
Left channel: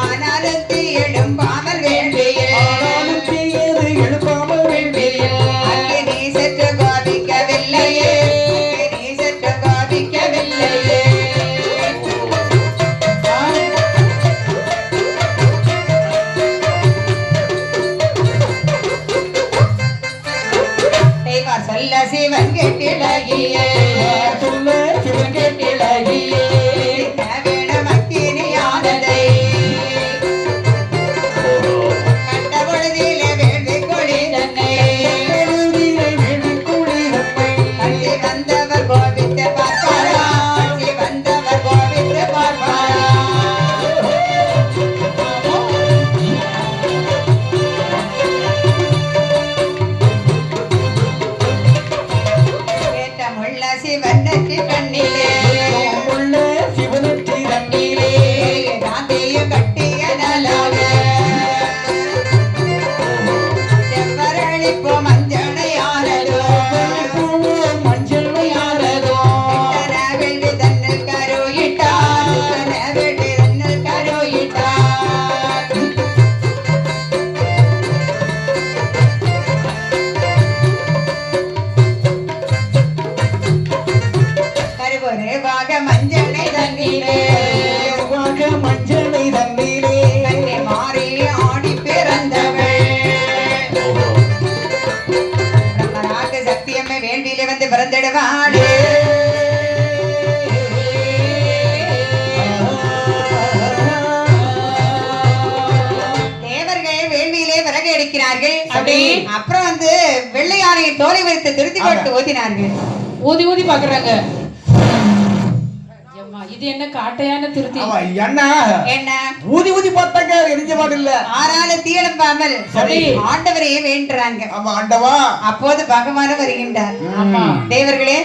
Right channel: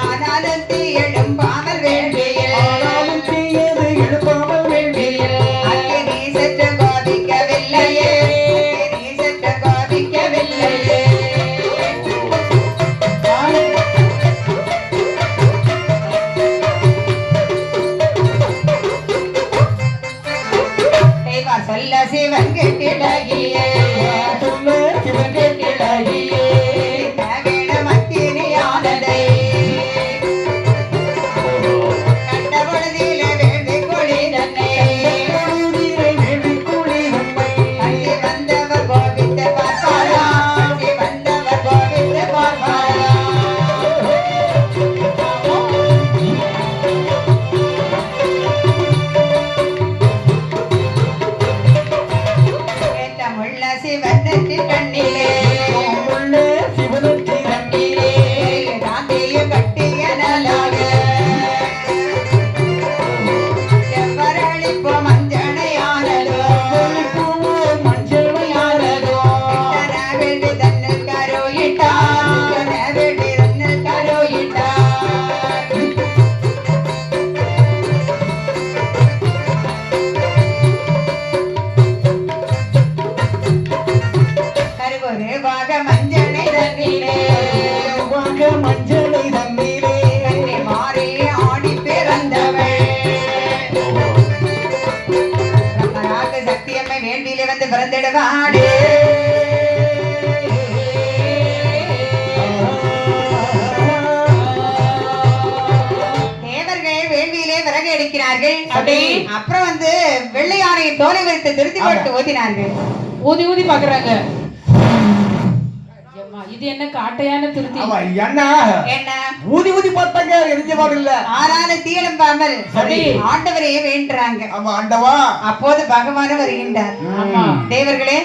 ஆனாலும் தீ எழும்பாமல் வேண்டியே ஆனாலும் தீயது எழுப்பாமல் வேண்டியில். அங்கே நீ சற்று கோபிக்கவில்லையே நீ சற்று கோபிக்கவில்லையே தேவா சொல்ல சிவன் கெட்டிலகியே சொல்ல சிவகேட்டிலகியே. வேணும் அத்தினியானதை கண்ட பொழுதிலே வேள்வி கொடி தன்னை கருதிலே வேள்வி கொள்ளினம்மை. அள்ளி வந்தவர் கோபித்து பார்ப்பாரா அள்ளி வந்தவர் கோபித்து பார்ப்பாரா கேட்டமுள்ள சிவன் நெற்றி கண்ணிலே உள்ளே சிவனுக்கு தண்ணீரே. காந்தியும் கட்டிய நலாக செவ்வரளிப்போ மஞ்சனையானதோ மஞ்சளையானதோ. வெள்ளி தன்னில் கருயிட்டார் வெள்ளி தன்னில் கருயிட்டார் கருவருவாக மஞ்சளை தண்ணீரே வாக மஞ்சளை தண்ணீரே. கண்ணை மாறி ஆடி பிறந்தவள் ராக சக்தியம்மை வேள்வியிலே வந்து பிறந்திடுவாளே தேவர்கள் வேள்வியிலே விறகு எடுக்கிறார்கள் அப்படி. அப்புறம் வந்து வெள்ளையானை தோலை வைத்து திருத்தி போட்டு ஓதினார்கள் ஊதி ஊதி பாக்குறாங்க அம்மா, இது என்ன காட்டையான திருத்தி அவ என்ன என்ன ஊதி ஊதி பார்த்தாங்க எரிஞ்ச பாடில்ல. ஆறால தீளம்பாமல் சரி. ஆண்டவரையே வேண்டுறாங்க ஆமா ஆண்டவா. அப்போது பகவானும் வருகின்றார் ஆமா தேவர்களே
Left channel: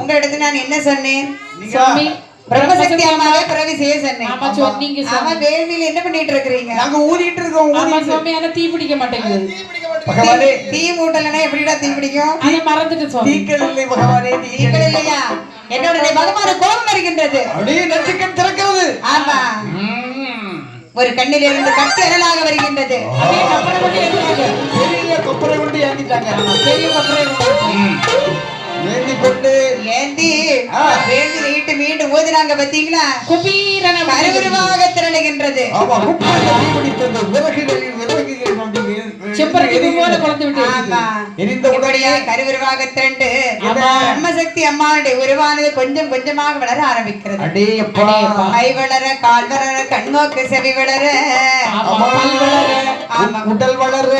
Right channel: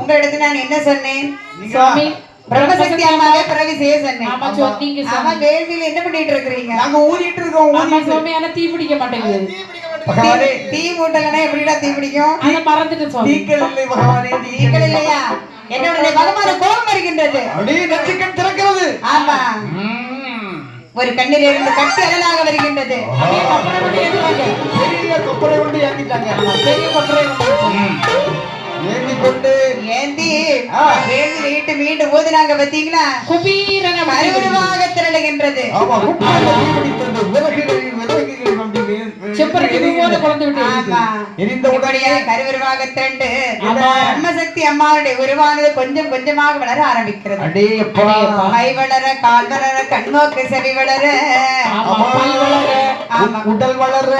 உங்களிடத்தில் நான் என்ன சொன்னேன் நீங்க சுவாமி பிரம்மசக்தி அம்மாவே பிறவி செய்ய சொன்னேன் ஆமா சொன்னீங்க அவன் சுவாமி. வேள்வியில் என்ன பண்ணிட்டு இருக்கிறீங்க நாங்க ஊதிட்டு இருக்கோம் ஆமா ஊதிட்டு. சுவாமி ஆனா தீ பிடிக்க மாட்டேங்குது தீ பிடிக்க மாட்டேங்குது. பகவானே தீ மூட்டலன்னா எப்படிடா தீ பிடிக்கும் அதை மறந்துட்டு சுவாமி தீக்கள் இல்லை பகவானே தீக்கள் தீக்கள் இல்லை. இல்லையா என்னோட பகவான கோபம் வருகின்றது அப்படியே நச்சுக்கண் திறக்கிறது. ஆமா ஒரு கண்ணில் இருந்து கட்டி அனலாக வருகின்றது அப்படியே கப்பலை விட்டு ஏறுறாங்க. பெரிய கப்பலை கொண்டு ஏற்றிட்டாங்க. பெரிய கப்பலை விட்டு. ஏந்தி கொண்டு ஏந்தி வேள்வி நீட்டு மீண்டும் ஓதுறாங்க பாத்தீங்களா குபீரன வருகிறது. கருவருமாக திரளுகின்றது ஆமா குப்பாயை பிடித்தது விறகுகள் விறகுகள் கொண்டு செம்பருத்தி பூவோட குழந்தை விட்டு ஆமா எரிந்த இப்படியா உடனே கருவருமாக திரண்டு ஆமா. பிரம்மசக்தி அம்மாவுடைய உருவானது கொஞ்சம் கொஞ்சமாக வளர ஆரம்பிக்கிறது அடே அப்பா. கை வளர கால் வளர கண்நோக்கு செவி வளர ஆமா பல்லு வளர. ஆமா உடல் வளர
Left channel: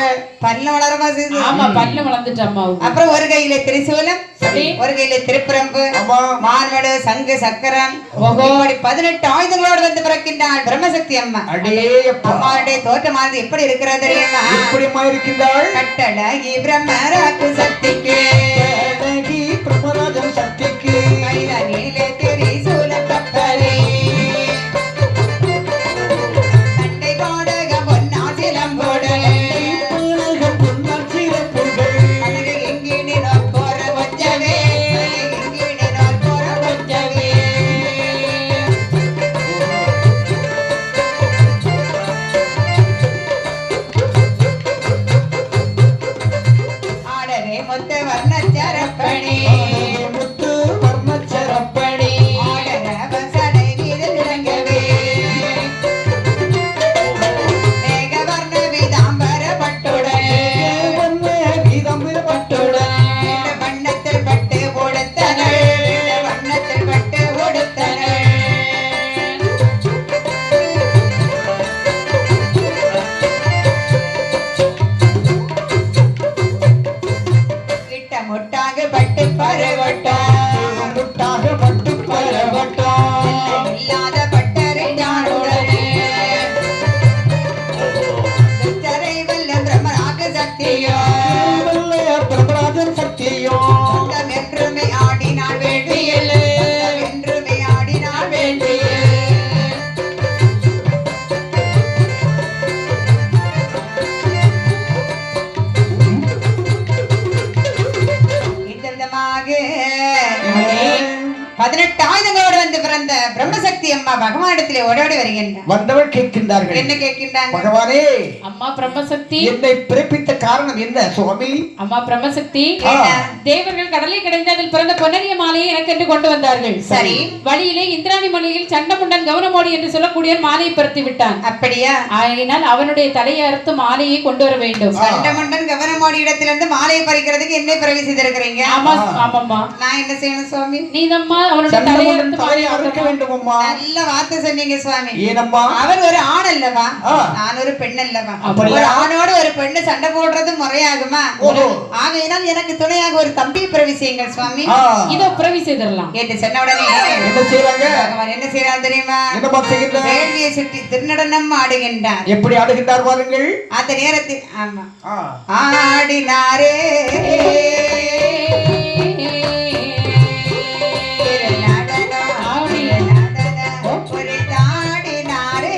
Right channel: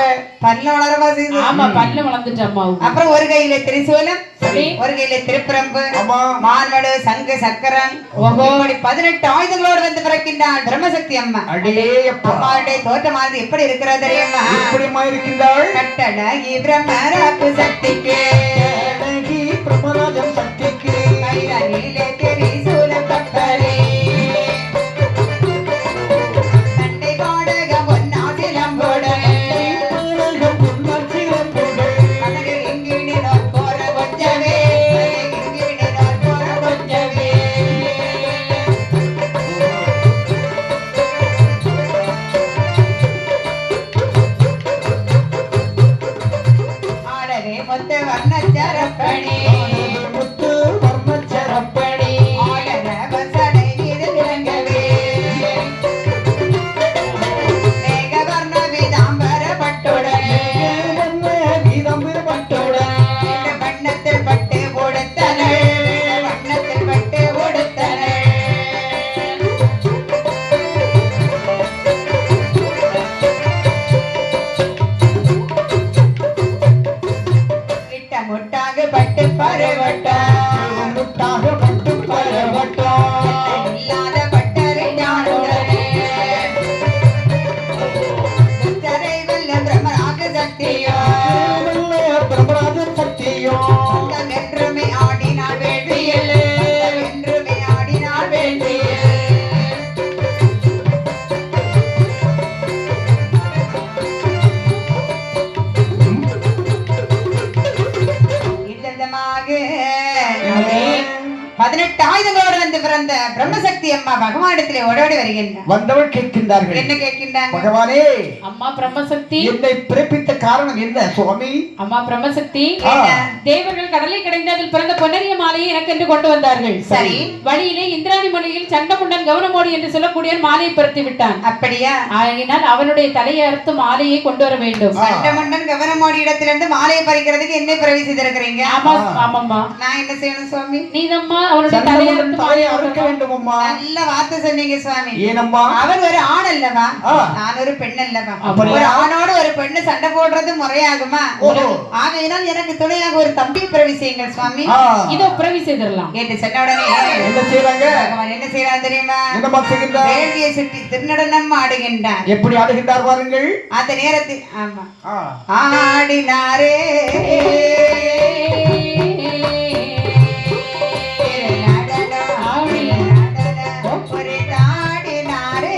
பல்லு வளரமா செய்யுது ஆமா பல்லு வளர்ந்துட்டு அம்மாவுக்கு. அப்புறம் ஒரு கையில திரிசூலம் சரி. ஒரு கையில திருப்பிரம்பு ஆமா. மான்வடு சங்கு சக்கரம் இப்படி 18 ஆயுதங்களோடு வந்து பிறக்கின்றாள் பிரம்மசக்தி அம்மா அடே அப்பா. அம்மாவுடைய தோற்றமானது எப்படி இருக்கிறது தெரியுமா எப்படிமா இருக்கின்றாள்? கட்டழகி பிரம்மராக்கு சக்திக்கு அழகி பிரம்மராஜன் சக்திக்கு கைதலிலே திரிசூலம் கத்தரி தண்டை கோடக பொன்னாசிலம்போடு உலகம் பொன்னால் சிறப்புகள். அழகு இங்கினினோர் போற கொஞ்சமே இங்கினினோர் போற கொஞ்சமே ஆடரே முத்து வர்ணச்சரப்பணி முத்து வர்ணச்சரப்பணி. ஆடி பரவட்டும் முட்டாக மட்டும் பரவட்டும் இல்லாத பட்டரை நாடுடனே தரை வல்ல பிரம்மராக சக்தியோ பிரபராஜன் சக்தியும் என்றுமே ஆடினாள் வேண்டியிலே என்றுமே ஆடினாள் வேண்டியிலே விதவிதமாக 18 ஆயுதங்களோடு வந்து பிறந்த பிரம்மசக்தி அம்மா பகவானிடத்திலே ஓடோடி வருகின்றார். வந்தவள் கேட்கின்றார்கள் என்ன கேட்கின்றாங்க? பகவானே அம்மா பிரம்மசக்தி, என்னை பிறப்பித்த காரணம் என்ன சுவாமி? அம்மா பிரம்மசக்தி, ஆ. தேவர்கள் கடலை கடைந்து அதில் பிறந்த பொன்னரிய மாலையை எனக்கென்று கொண்டு வந்தார்கள். சரி. வழியிலே இந்திராணி மலையில் சண்டமுண்டன் கவனமோடி என்று சொல்லக்கூடிய மாலையை பருத்தி விட்டான். அப்படியா? ஆகையினால் அவனுடைய தலையை அறுத்து மாலையை கொண்டு வர வேண்டும். சண்டமண்டன் கவனமோடி இடத்திலிருந்து மாலையை பறிக்கிறதுக்கு என்ன பிறவி செய்திருக்கிறீங்க? ஆமா ஆமாம்மா, நான் என்ன செய்யணும் சுவாமி? நீதம்மா அவனுடைய தலையை அறுத்து தலையை மாலையை அறுக்க வேண்டும் அம்மா. நல்ல வார்த்தை சொன்னீங்க சுவாமி. ஏனம்மா? அவன் ஒரு ஆண் அல்லவா, ஆ. நான் ஒரு பெண் அல்லவா? அப்படியா? ஒரு ஆணோடு ஒரு பெண்ணு சண்டை போடுறது முறையாகுமா? ஓஹோ. ஆகையினால் எனக்கு துணையாக ஒரு தம்பி பிறவி செய்யுங்கள் சுவாமி ஆ. இதோ பிறவி செய்திடலாம். என்று சொன்ன உடனே என்ன செய்றாங்க? பகவான் என்ன செய்யறான் தெரியுமா? என்னம்மா செய்கின்றார்? வேள்வியை சுற்றி திருநடனம் ஆடுகின்றார். எப்படி ஆடுகின்றார் பாருங்கள். அந்த நேரத்தில் ஆமா ஆ. ஆடினாரே ஆடினாரே திருநடனம் திருநடனம் புரிந்து ஆடினாரே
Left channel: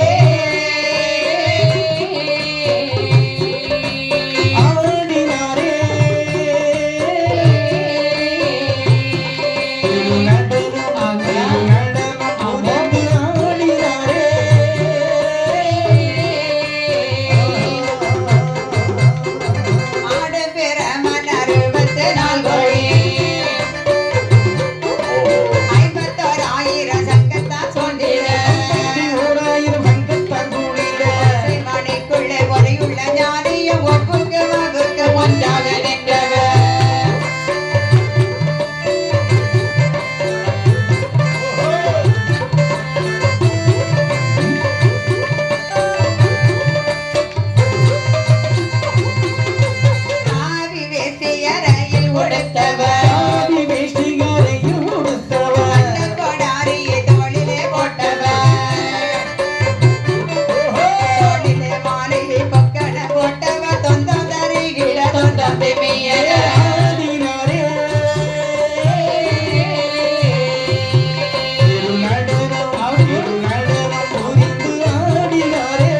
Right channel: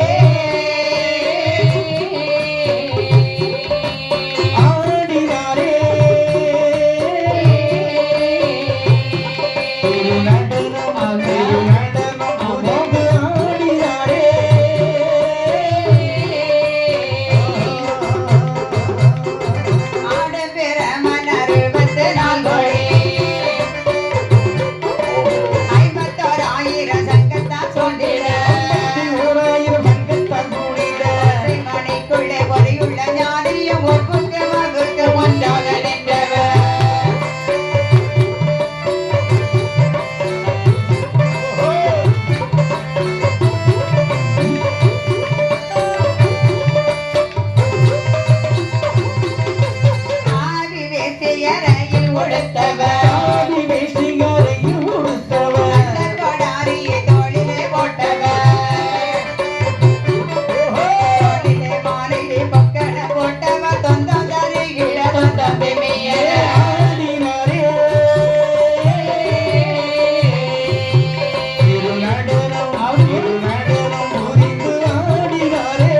ஆடப்பெற மன்னர் 24 கோடி 51,000 சங்கத்தான் தோன்றிட ஓராயிரம் சங்கத்தான் கூடிட மணிக்குள்ளே ஒளியுள்ள ஞானியும் ஒப்புக்கு வாழ்வுக்கு ஒன்றாக நின்றவர் ஆவி வேட்டையறையில் உடுத்தவர் ஆதி வேஷ்டிகரையும் உடுத்தவர் அந்த கொடாரியை தோளிலே போட்டவர் தோளிலே மாலையை பொக்கன போட்டவர் தொந்தம் தருகிற தொந்தம் பெமிய ஆடினாரே திருநடனம் திருநடனம் புரிந்து ஆடினாரே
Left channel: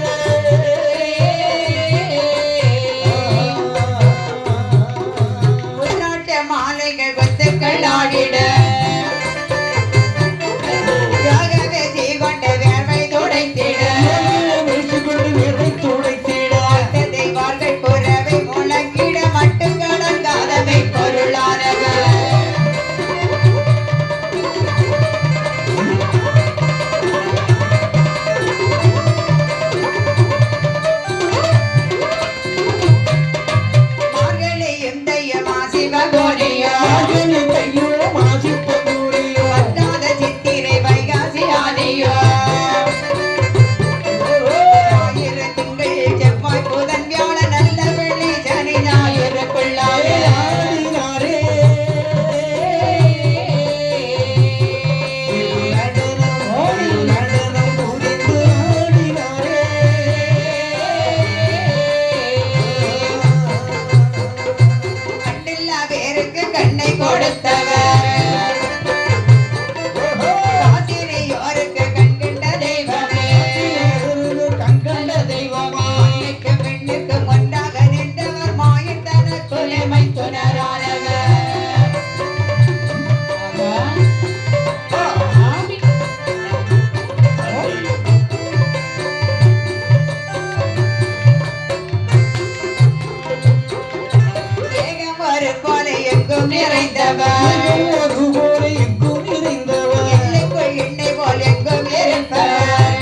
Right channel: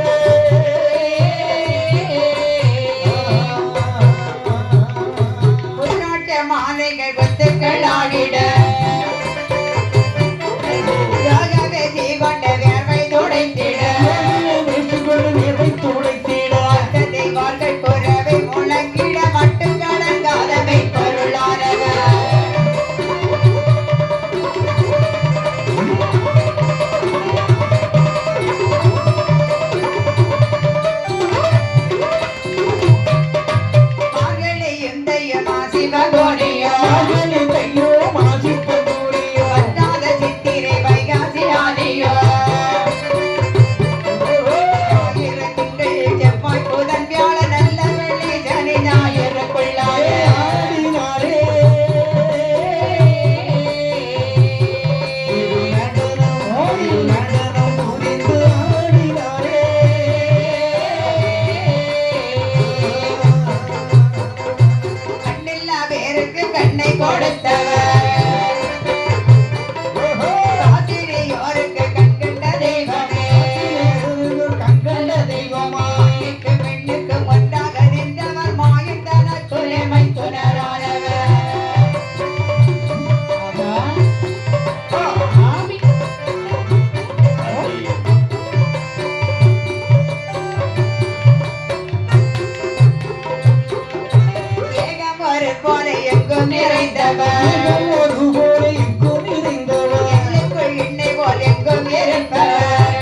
உள்நாட்டு மாலைகள் கொத்துக்கள் ஆடிட யாகவே ஜீவண்ட வேர்வை துடைத்திட வேஷ்டிகொண்டு வேர்வை துடைத்திட வந்ததை வாழ்கள் குறவை முழங்கிட மட்டும் கடங்காதவை பொருளானவர் மார்கழியும் தையமா சிவகோடியோ மகனை கையோ மாசித்த கூடியோ வற்றாத சித்திரை வைகாசி ஆடியோ ஆயிர திங்கள் செவ்வாய் புதன் வியாழன் நல்ல வெள்ளி சனி ஞாயிறுக்குள்ளாயே ஆடினாரே திருநடனம் திருநடனம் புரிந்து ஆடினாரே கண்ணில்லா பேருக்கு கண்ணை கொடுத்தவர் ஆசிரியோருக்கு கண்கண்ட தெய்வமே கண்கண்ட தெய்வமா மாயனுக்கு பெண்ணுக்கு ஒன்றாக நின்றவர் மாயின் தன துணைமை துணரானவர் ஆமி. ஏகம் ஒரு கோலை எங்கும் நிறைந்தவர் ஒரு போல எங்கும் நிறைந்தவர் எல்லைக்குள் எண்ணெய் போல் எங்கும் இருப்பவர்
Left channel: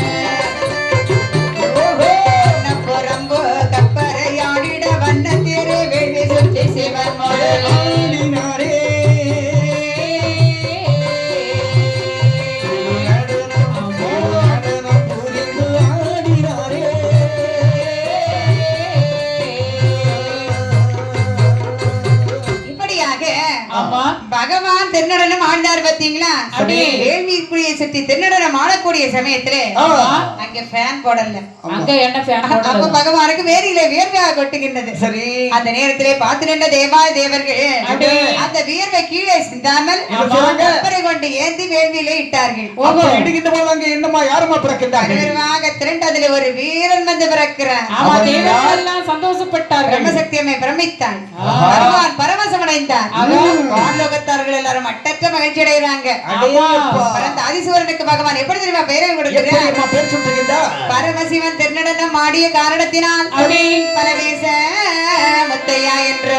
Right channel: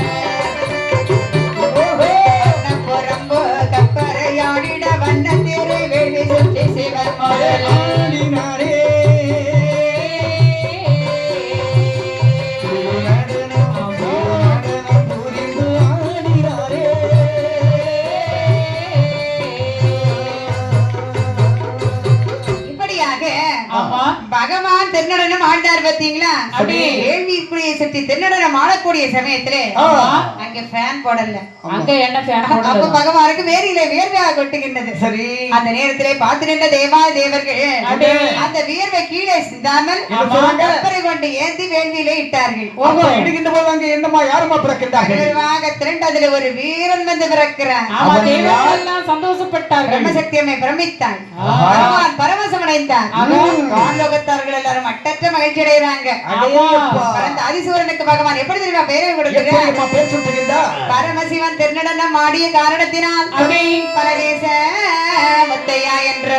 புறம்பு கப்பரையாடிட வண்ண திருவெளி சுற்றி சிவன் முதல் ஆடினாரே திருநடனம் திருநடனம் புரிந்து ஆடினாரே இப்படியாக வந்து ஆமா பகவான் தென்னடனம் ஆண்டார் பாத்தீங்களா? அப்படியே. வேள்விக்குடியை சுற்றி தென்னடனம் ஆடக்கூடிய சமயத்திலே ஆமா. அங்க ஃபேன் போடல. அங்க என்ன ஃபேன் அப்ப போடுறது? பகவானுக்கு வேர்வையில வேர்வையாக கொட்டுகின்றது. சரி. அந்த நேரத்திலே பார்த்து நின்ற தேவாய தேவர்கள் அப்படியே. அந்த வேர்வை கீழே சிந்தாமல் கற்பரை கொண்டு ஏந்தி வேள்வியிலே இட்டார்கள். அப்ப இடுகின்ற போது அங்க என்னமா யாருமா பிறக்கின்றார்கள்? பெருவாக திரண்டு அதில் ஒரு வீரன் வந்து பிறக்கிறான். ஆமா தேவர்கள் எல்லாம் சந்தோஷப்பட்டார்கள். பிரம்மசக்தியம்மை பிரமித்தான். பகவான் பரவசம் அடைந்தார். வானலோகத்தார்கள் எல்லாரும் மட்டற்ற மகிழ்ச்சி அடைகிறாங்க. பரந்த ஆதிசூரனுக்கு பகவான் எப்படி தெரியுமா பேரை கொடுக்கிறார்? பேர் சொல்றீங்களா? பரமசிவன் திருநடனம் ஆடிய காரணத்தினால் பரதேச முத்தையா என்ற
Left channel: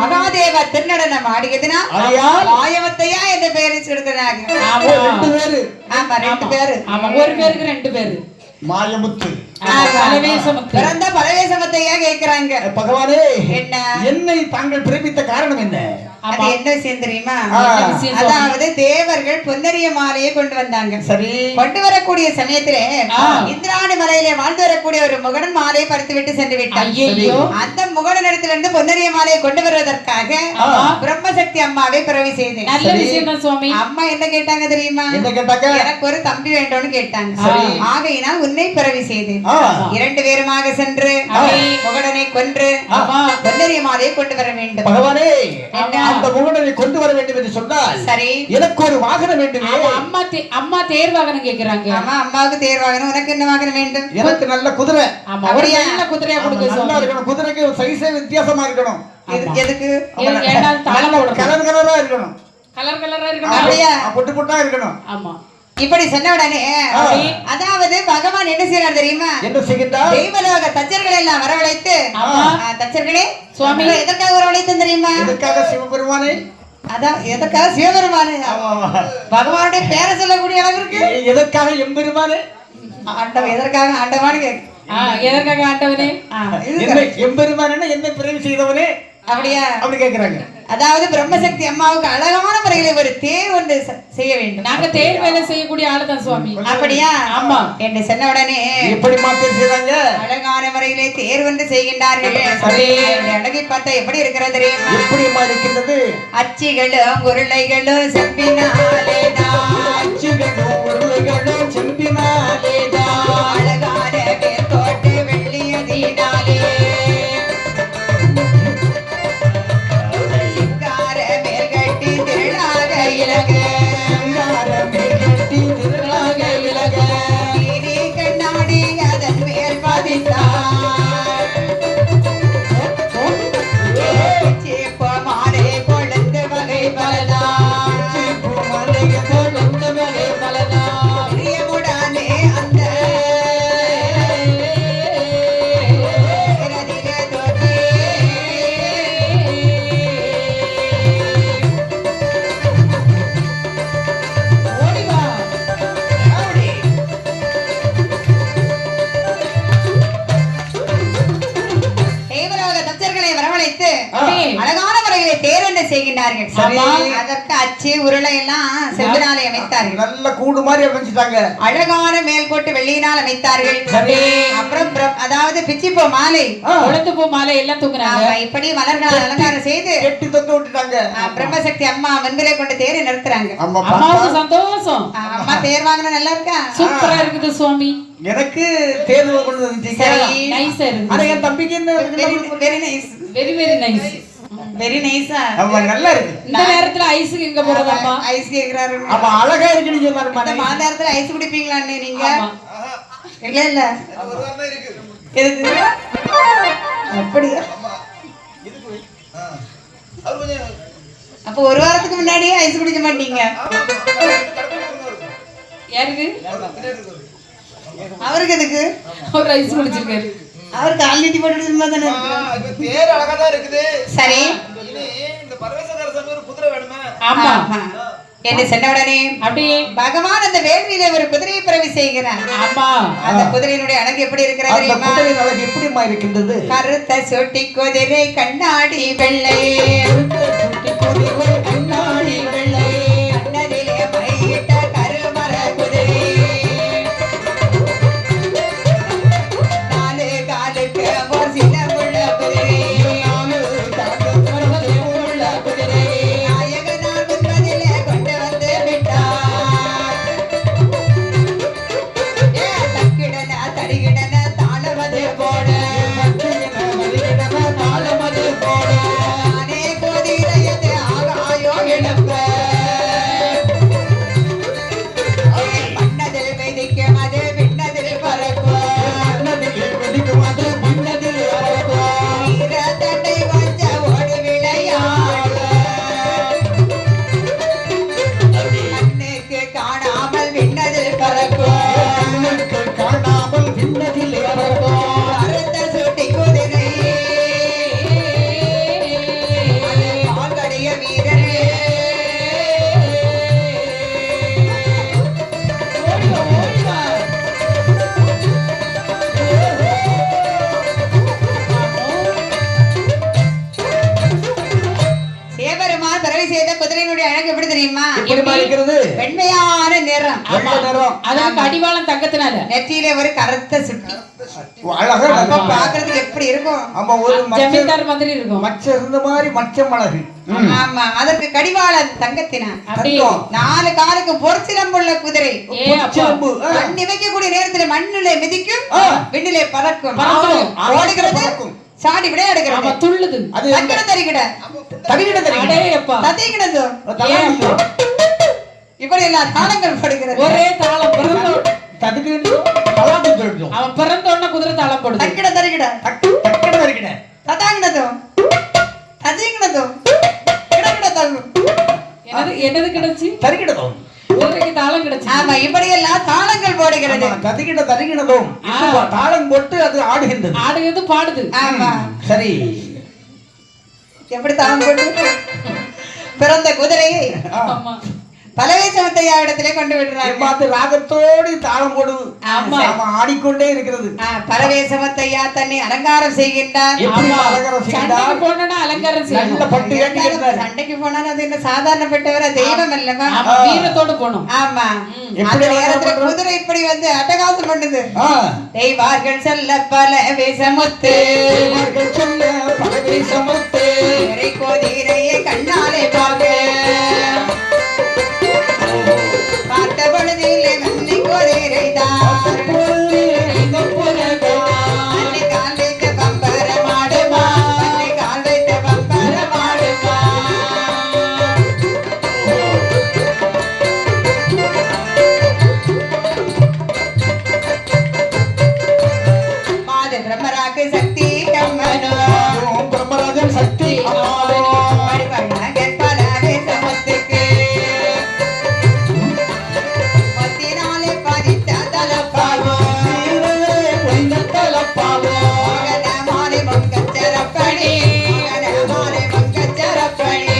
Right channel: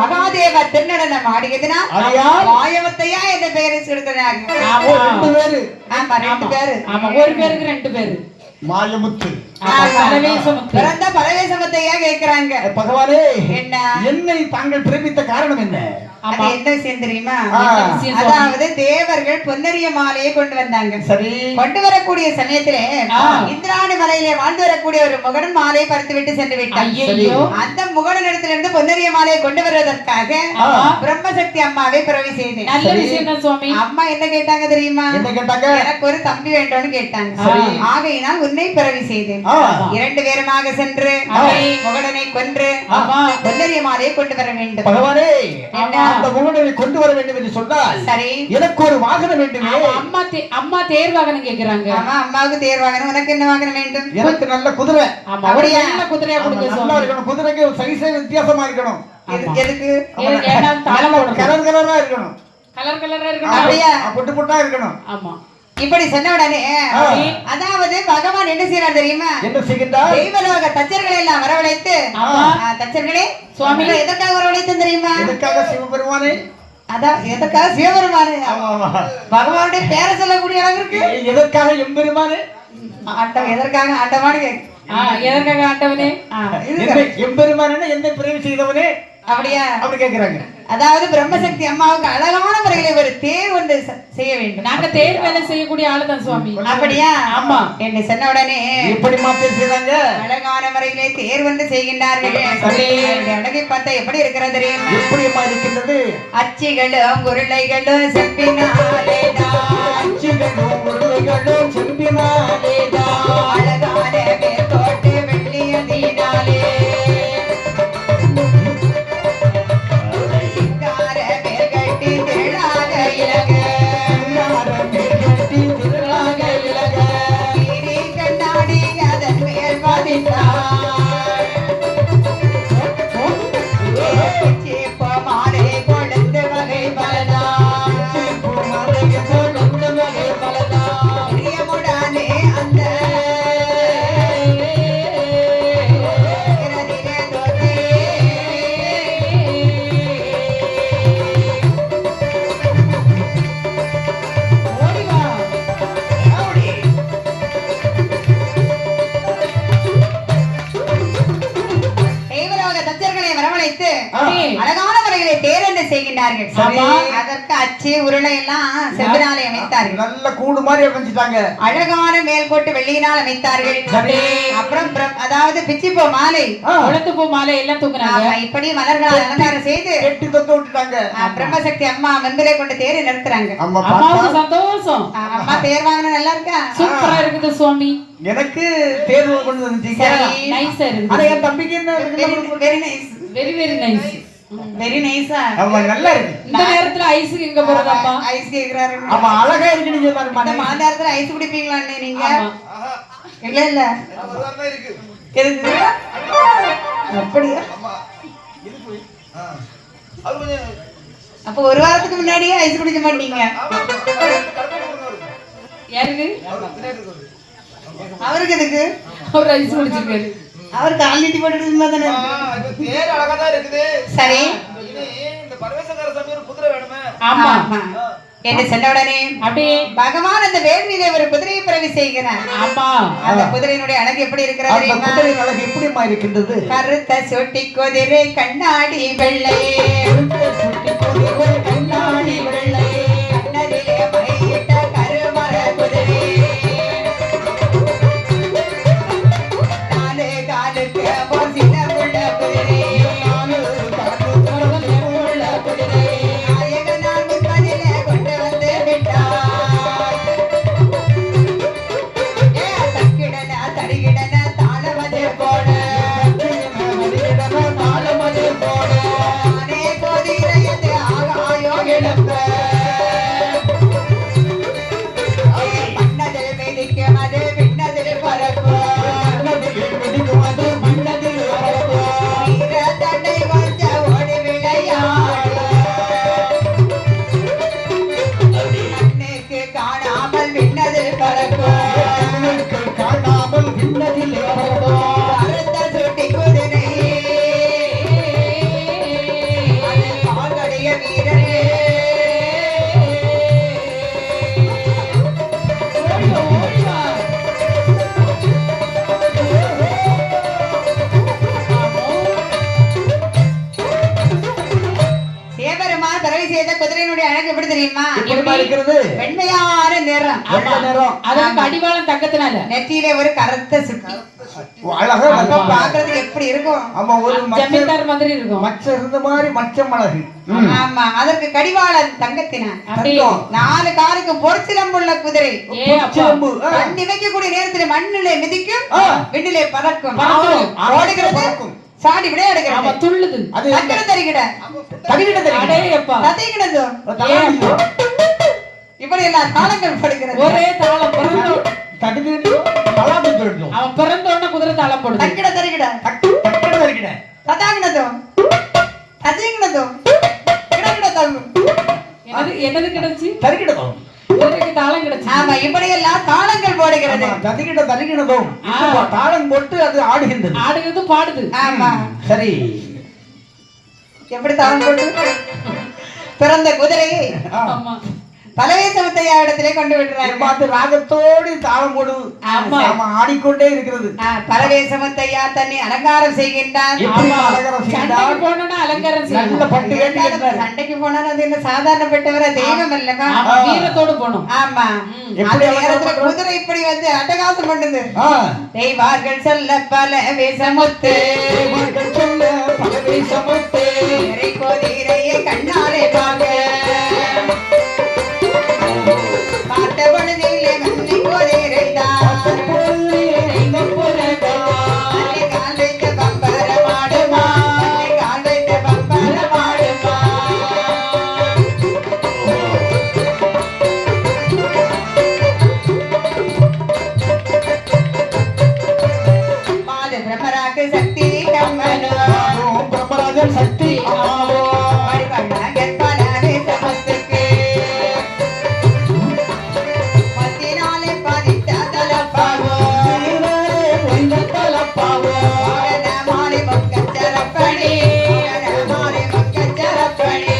மகாதேவ திருநடனம் ஆடியதினால் மாயமுத்தையா என்ற பெயரை சொல்கிறாங்க. ரெண்டு பேரு. ஆமா 2 பேரு. ஆமா ஒரு பேருக்கு 2 பேரு. மாயமுத்து பரவேசமுத்து. பிறந்த பரவேசமுத்தையா கேக்குறாங்க. பகவானே என்ன என்னை தாங்கள் பிரமித்த காரணம் என்ன? அது என்ன விஷயம் தெரியுமா? என்ன விஷயம் சுவாமி? அதாவது தேவர்கள் பொன்னரிய மாலையை கொண்டு வந்தாங்க. சரி. கொண்டு வரக்கூடிய சமயத்திலே இந்திராணி மலையிலே வாழ்ந்து வரக்கூடிய ஒரு முகடன் மாலையை பறித்து விட்டு சென்று விட்டார். ஐயையோ. அந்த முகடனிடத்திலிருந்து பொன்னரிய மாலையை கொண்டு வருவதற்காக பிரம்மசக்தி அம்மாவை பிறவி செய்தேன். நல்ல விஷயம் தான் சுவாமி. அம்மா என்ன கேட்டாங்க தெரியுமா? என்ன கேட்டாங்க? எனக்கு ஒரு தம்பி வேண்டும்னு கேட்டாங்க. ஆகையினால் உன்னை பிறவி செய்தேன். 2 பேருமாக சென்று முகடனை கொன்று பொன்னரிய மாலையை கொண்டு வர வேண்டும். பகவானே அந்த முகடனை கொண்டு வர வேண்டும் என்று சொன்னால் சரி எனக்கு ஒரு வாகனம் வேண்டும். அம்மா தேர் வாகனம் கேக்குறாங்க. ஆமா அம்மாவுக்கு தேர் வாகனம். உனக்கு என்ன வாகனம் வேண்டும்? எனக்கு நல்ல குதிரை. ஆமா ஒரு நல்ல குதிரையா கொடுங்க நல்லா சுவாமி. இருக்கணும். குதிரைக்கு சைஸே வித்தியாசமா இருக்கணும். எதுக்கு? ஏன்னா தாளம் போடணும். கலர் கலரா இருக்கணும். கலர் கலரா இருக்கணும். அப்படியா? பொட்டு பொட்டா இருக்கணும். ஆமா இப்படி சொன்ன உடனே அதாவது பகவான் என்ன செய்யறார் தெரியுமா? என்ன செய்கின்றார்? தெய்வலோக தச்சர்களை எல்லாம் வரவழைத்து தச்சர்களே சுவாமி எதற்காக வரவழைத்து தெரியுமா? எதற்காக சிவபெருமானே? அதான் எதற்காக சிவபெருமானே பகவானுடைய பேரை சொல்லக்கூடிய அளவிற்கு எதற்காக எம்பெருமானே? ஆண்டம் எதற்காக ஆண்டவான்னு கேக்கு. எதற்காக ஆண்டவனே? எம்பெருமானே என்னை பிறவி செய்தவனே அப்படியா? அப்படி கேக்குறாங்க. அதாவது பிரம்மசக்தி அம்மாவுக்கு அழகான முறையில் ஒரு தேர் வந்து செய்ய வேண்டும். நாங்க தேர் வேலை செய்யக்கூடிய ஆளுதான் சுவாமி. அப்படியா? ஆமா என்று சொன்ன உடனே எப்படி மாத்தி செய்றாங்க? அழகான முறையிலே தேர் வந்து செய்கின்றார்கள். அழகை பார்த்தா எப்படி இருக்கிறது தெரியுமா? எப்படிமா இருக்கின்றது? அச்சிகளும் உருளைகளும் செப்பினாலேதான் அச்சிகளும் உருளைகளும் செம்பினாலேதான் அழகான மேற்கோட்டு வெள்ளியதினாலே சிங்கார மேற்கட்டி திரளாக இலக நீரி கண்ணாடி அதன் மேல் பதித்தார் சேப்ப மாலை கொழுந்து வகை பலதான் பிரியமுடனே அந்த இரதிக தோற்றே ஓடிவா அப்படி தேவலோக தச்சர்களை வரவழைத்து அழகான முறைகளை தேர்ந்து செய்கின்றார்கள். அதற்கு அச்சு உருளை எல்லாம் செம்பினாலே அமைத்தார்கள். நல்ல கூடு மாதிரி அமைச்சிட்டாங்க. அழகான மேல்கோட்டு வெள்ளியினால் அமைத்தார்கள். அப்புறம் அதாவது பிச்சிப்பூ மாலை கொழுந்து பூ மாலை எல்லாம் தூக்குறாங்க. இப்படி மலர்களால் அலங்காரம் செய்து கெட்டி தொட்டு விட்டுட்டாங்க. பிரம்மசக்தி அம்மா மந்திரை கொண்டு தேரை நிறுத்துறாங்க. அம்மாவுக்கு சந்தோஷம். அம்மா தேர் வாங்கின நல்லா இருக்கா? சூப்பரா இருக்குது சுவாமி. எனக்கு தேர்வு கொண்டு வந்துட்டீங்க. நைஸா இருக்கு. ஆனா என் தம்பிக்கு என்ன? Very nice. Very very nice. Very நைஸா? ஆமா நல்லா இருக்கு. இந்த நேரத்துல ஐஸுக்கு எங்க போறதம்மா? ஐஸ் கேக்குறாரு. ஆமா அழகா இருக்குன்னு சொன்னாருமா. அந்த நேரத்துல ஐஸ் குடிப்பீங்களா நீங்க? ஆமா. இல்ல இல்ல ஒரு வாரம் தான் இருக்கு. எதுக்கு? அப்படியா? இதுக்கு வை. அது கொஞ்சம் அப்ப ஒரு வாரத்துக்கு முன்னாடியே ஐஸ் குடிக்க மாட்டீங்க? கடற்கரை கொண்டு வரும். யாருக்கு? பின்னாடி இருக்கு. அவருக்கு எதுக்கு? ஒரு ஐஸ் குடிச்சிருக்காரு. அவர் கால் நீட்டி போட்டு சும்மா தானே ஆ, இருக்கு. இது தேர் அழகா தான் இருக்குது. சரி இனி இந்த பரமேஸ்வரர் சாமி ஒரு குதிரை வேணுமே. ஆமா என்று சொன்ன உடனே அப்படியே பகவான் அந்த வேள்வியிலே ஒரு குதிரையை பிறவி செய்கிறார். ஆமா அந்த குதிரையினுடைய அழகு எப்படி இருக்கிறது அந்த தெரியுமா? குதிரை அழகு எப்படிமா இருக்கின்றது? கருத்த சொட்டி குதிரை கண்ணாடி வெள்ளை கண்ணாடி வெள்ளை கண்ணதிலே மையிட்ட கருமர குதிரை நாலு காலுக்கு ஒரு சின்ன புள்ள குதிரை நாலு காலுக்கு ஒரு சின்ன புள்ள குதிரை அம்மா பிறவி செய்த குதிரையினுடைய அழகு எப்படி தெரியுமா? எப்படி இருக்கிறது? வெண்மையான நிறம். வெள்ளை நிறம். அதுக்கு அடிவாளம் தங்கத்தினால. நெற்றியிலே ஒரு கருத்த சுட்டி. அழகா அப்ப பாக்குறதுக்கு எப்படி இருக்கும்? ஆமா, ஒரு ஜமீன்தார் மாதிரி இருக்கும். மச்ச இருந்த மாதிரி மச்சம் அழகு. ஆமா, அதற்கு கடிவாளம் தங்கத்தினார். அப்படியே 4 காலுக்கு பொற்சிலம்புள்ள குதிரை. ஏ அப்பா. கண்ணி வைக்கக்கூடிய நேரத்தில் மண்ணிலே மிதிக்கும், விண்ணிலே பறக்கும், பறக்கும். ஓடுகிறது, சாடி விளையாடுகிறது. ஆமா, துள்ளுது. அது தங்கட தரிகிட அடே அப்பா. தத்திக்கிடது. ஏ அப்பா. இப்படி எல்லாம் தாளங்கள் படுகிறது. ஒரே தாளம் பிறந்தோம். தடுக்கிட்டு தலாட்டு போயிடும். அவன் பிறந்த உடனே குதிரை தாளம் போடுது. தக்கிட தரிகிட தக்கட தரிக்கிட ததாங்கிடது ததிங்கிடது கிடகிடது. என்னது கிடைச்சு? தரிக்கிடதும். குதிரைக்கு தாளம் கிடைச்சு. ஆமா, இப்படி எல்லாம் தாளங்கள் போடுகிறது. தரிக்கிடதும். தாளம் போட்டு அது ஆடுகின்றது. ஆடுகிறது, பாடுது. ஆமா, சரி. எப்படி தாளம் போட்டு பிறந்த குதிரையை ஆமா. பலவேசமத்தையா இடத்திலே கொண்டு விடுறாங்க. பார்த்து ராகத்தோடு தாளம் போடுது. ஆமா. ஆமா, ஆடிக்கொண்டே இருக்கிறது. பலவேசமத்தையா தன்னை அலங்காரம் செய்கின்றார். எப்படி ஆமா. அலங்காரம் செய்தார்? சண்டைக்கு போனோம்னா அலங்காரம் நல்ல செய்யணும். பட்டு வேண்டி இருந்தார். சண்டைக்கு போனா அது என்ன சாதாரணப்பட்டவர தெய்வம் இல்லங்க. ஆமா, வீரத்தோடு போகணும். ஆமா, எப்படி அந்த அலங்காரம் நேரத்துல பண்றது? குதிரை இப்படி வந்து அட்டகாசம் பண்ணுது. ஆ. தெய்வார்கள் செல்ல பலவேசமுத்து தேவர்கள் சொல்ல பலவேசமுத்து. கோதிரையை கண்ணாலே பார்க்க பார்த்த பொழுதிலே மண்ணை கோதிரை தான் அன்னை கால் வைத்த பம்பர மாடுமா, அன்னை கால் வைத்த பம்பர மாடுமா. மாத பிரம்மராக்கு சக்தி கம்மனோ பிரம்மராஜன் சக்தி அம்மாளோ. பரிபண்ணகன் பலவே சமத்துக்கு பத்தினாலே பதித்த தலப்பாவோ மாலை மங்கச்சரப்பணி மாலை மங்கச்சரப்பணி.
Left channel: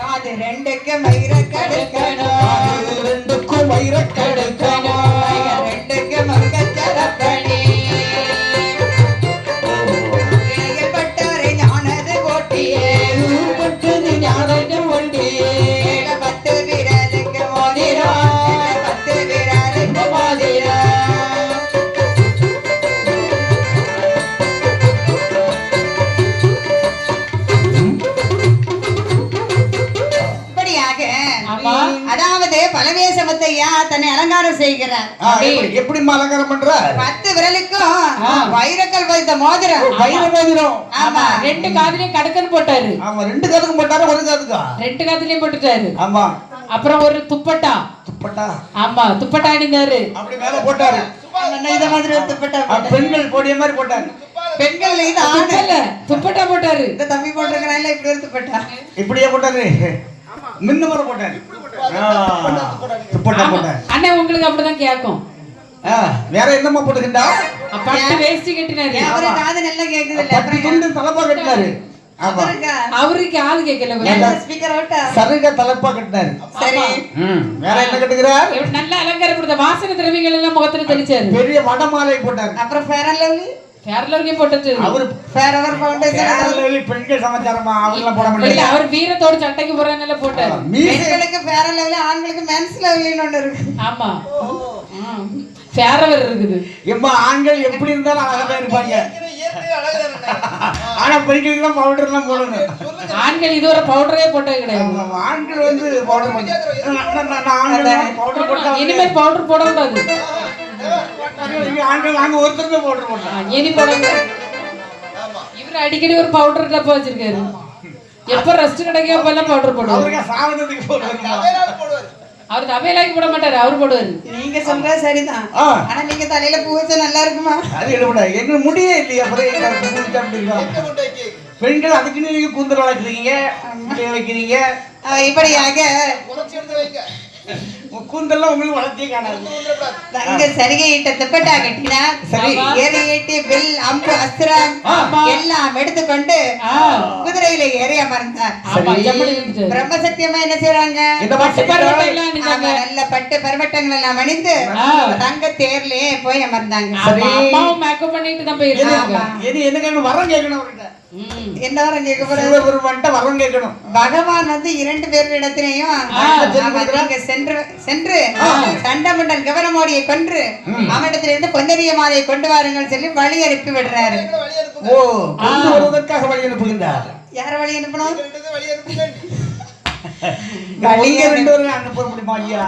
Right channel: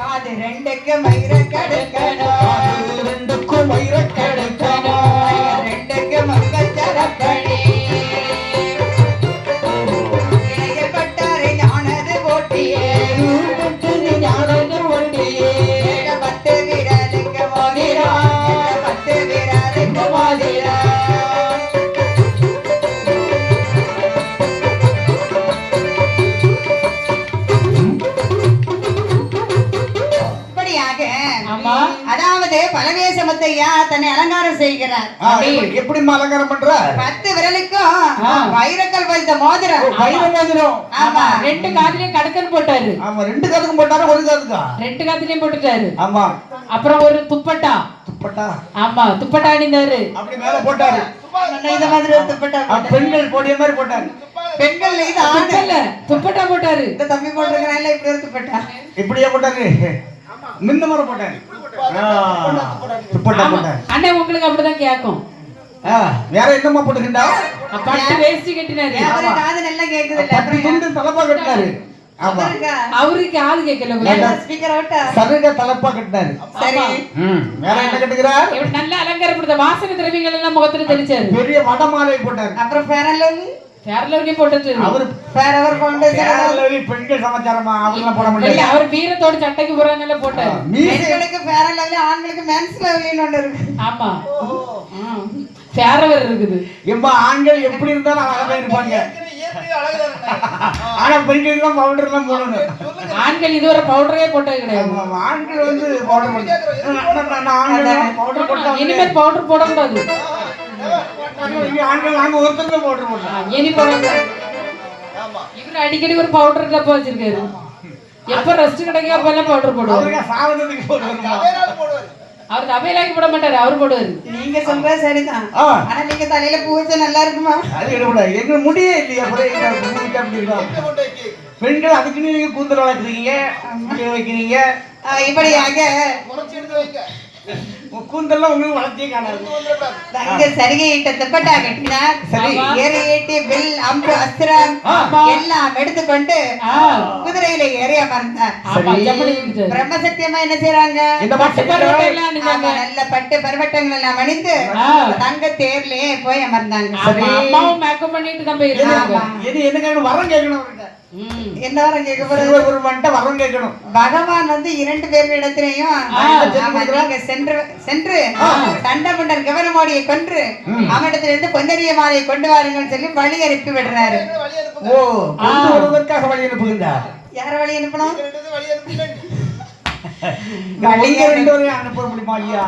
காது ரெண்டுக்கு மயிர கடுக்கணும், ரெண்டுக்கும் வைரக் கடுக்கணும். ரெண்டுக்கு மங்கச்சரப்பணி. இணையப்பட்டாரை ஞானது போட்டியே பத்து வீரனுக்கு மோதிரா, பத்து வீரனுக்கு மோதிரா. இப்படியாக ஆமா. அதாவது பலவேசமத்தையா தன்னை அலங்காரம் செய்கிறார். எப்படி அலங்காரம் பண்ற? 10 விரலுக்கும் வைரக்கல் பதித்த மோதிரம். வைர மோதிரம். ஆமா, 2 காதுலயும் கடுக்கன் போட்டாரு. ஆமா, 2 காதுக்கும் போட்டாரு, ஒரு காதுக்கா? 2 காதுலயும் போட்டுட்டாரு. ஆமா. அப்புறம் ஒரு துப்பட்டா. துப்பட்டா ஆமா, துப்பட்டா அணிந்தாரு. அப்படி மேல போட்டாரு. இந்த மாதிரி ஒரு துப்பட்டா போட்டார். பெண்கள் போடிய மாதிரி போட்டாரு. பெண்கள் இது ஆண். துப்பல்ல, துப்பட்டா போட்டாரு. இந்த தம்பி போட்டிருக்கிறான்ல இப்படி ஒரு துப்பட்டா. இப்படியே போட்டாரு. மிந்த மாதிரி போட்டாரு. துப்பட்டா ஆமா. போட்டாரு. அண்ணன் உங்களுக்கு அப்படிதான் கேக்கும். வேற என்னமா போட்டுக்கிட்டா? பட்டு வேஷ்டி கட்டினாரு. அவரு காது நல்லா கேக்குது இல்ல. பட்டி துண்டு தலப்பா கட்டினாரு. ஆமா, அவருக்கு காது கேட்கல. ஸ்பீக்கர் அவுட்டா. சருக தலப்பா கட்டினாரு. சரி, வேற என்ன கட்டுகிறார்? நல்ல அலங்காரப்படுத்த வாசனை திரவியங்கள் எல்லாம் முகத்துல தெளிச்சாரு. பெரிய வடமாலை போட்டாரு. அப்புறம் ஃபேர் அண்ட் லவ்லி, கேரளவரையும் போட்டுட்டு அவரு ஃபேர் அவர் ஃபவுண்டேஷன். கேரளாவில பெண்கள் சமாச்சாரமா அவங்கெல்லாம் போட முடியாது. அவர் வீரத்தோட சட்டைக்கு போறாங்கல்ல போட்டாரு. மீசை பெண்களுக்கு ஃபேர் அண்ட் லவ்லி, ஆண்களுக்கு மென்ஸ் லவ்லின்னு ஒன்று இருக்கு. ஆமா, ஃபேரவர் இருக்குது. எம்மா ஆண்கள் எப்படி இருந்தாலும் அழகா இருப்பாங்க. இயற்கை அழகுதான் இருந்தா. ஆனா பெண்களுக்கு தான் பவுடர் தான் போடணும். ஆண்கள் இதுவரை பவுடரே போட்டது கிடையாது. ஆண்கள் வந்து பவுடர் பவுடர் போட்டா இனிமேல் பவுடர் போடக்கூடாது. ஆண்கள் நாங்க ஒருத்தருமே பவுடர் போட்டோம். இனி போடக்கூடாது. இவர் அடிக்கடி ஒரு பவுடர் டப்பா வச்சிருக்காரு. எப்ப ரெஸ்ட் கிடைக்க அப்பெல்லாம் பவுடர் போடுவாரு. அவருக்கு சாவதத்துக்கு போடுவாங்க. வேறாலும் போடுவாரு. அவர் அவையிலாக்கி போட மாட்டாரு, அவர் போடுவாரு. நீங்க சொல்ற சரிதான். ஆனா நீங்க தலையில பூ வச்சா நல்லா இருக்குமா? அது எடுப்படா எங்க முடியே இல்லையா? அப்புறம் என்ன முடிச்சா அப்படி இருக்கும். எங்க கொண்டு போய் கேக்கு? பெண்கள் அதுக்குன்னு நீங்க கூந்தல் வளர்க்குறீங்க, முடிய வைக்கிறீங்க. இப்படியாக குறைச்சு எடுத்து வைங்க. கூந்தெல்லாம் உங்களுக்கு வளர்த்தியே காணாது. இங்க சரிகையிட்ட துப்பட்டா கட்டினார். சரி. ஏறியேட்டி வில் அம்பு அஸ்திரம் எல்லாம் எடுத்துக்கொண்டு குதிரையில ஏறி அமர்ந்தார். ஆமா, ஜப்படி இருந்துச்சு. பிரம்மசத்தியமா என்ன செய்றாங்க? இந்த மாதிரி பருவத்தை எல்லாம் அணிஞ்சாங்க. ஆமா, நல்ல பட்டு பருவட்டங்கள் எல்லாம் அணிந்து தங்க தேர்லயே போய் அமர்ந்தாங்க. ஆமா, அம்மாவும் மேக்கப் பண்ணிட்டு தான் போயிருக்காங்க. என்ன கேட்கணும்? வரம் கேட்கணும் அவர்கிட்ட. என்ன வரம் கேட்க போறது? சிவபெருமான்கிட்ட வரம் கேட்கணும். பகவான் வந்து 2 பேரிடத்திலையும் நீங்க சென்று சண்டமண்டல் கவனமோடியை கொன்று அவனிடத்திலிருந்து பொன்னரிய மாலையை கொண்டு வாருங்கள் சொல்லி வழி அனுப்பி விடுறாரு. வழி அனுப்புங்க. ஓ, கொண்டு வருவதற்காக வழி அனுப்புகின்றார். யார வழி அனுப்பணும்? வழி அனுப்புங்க. வழியை 2 பேரையும் அனுப்ப முடியுமா ஐயா?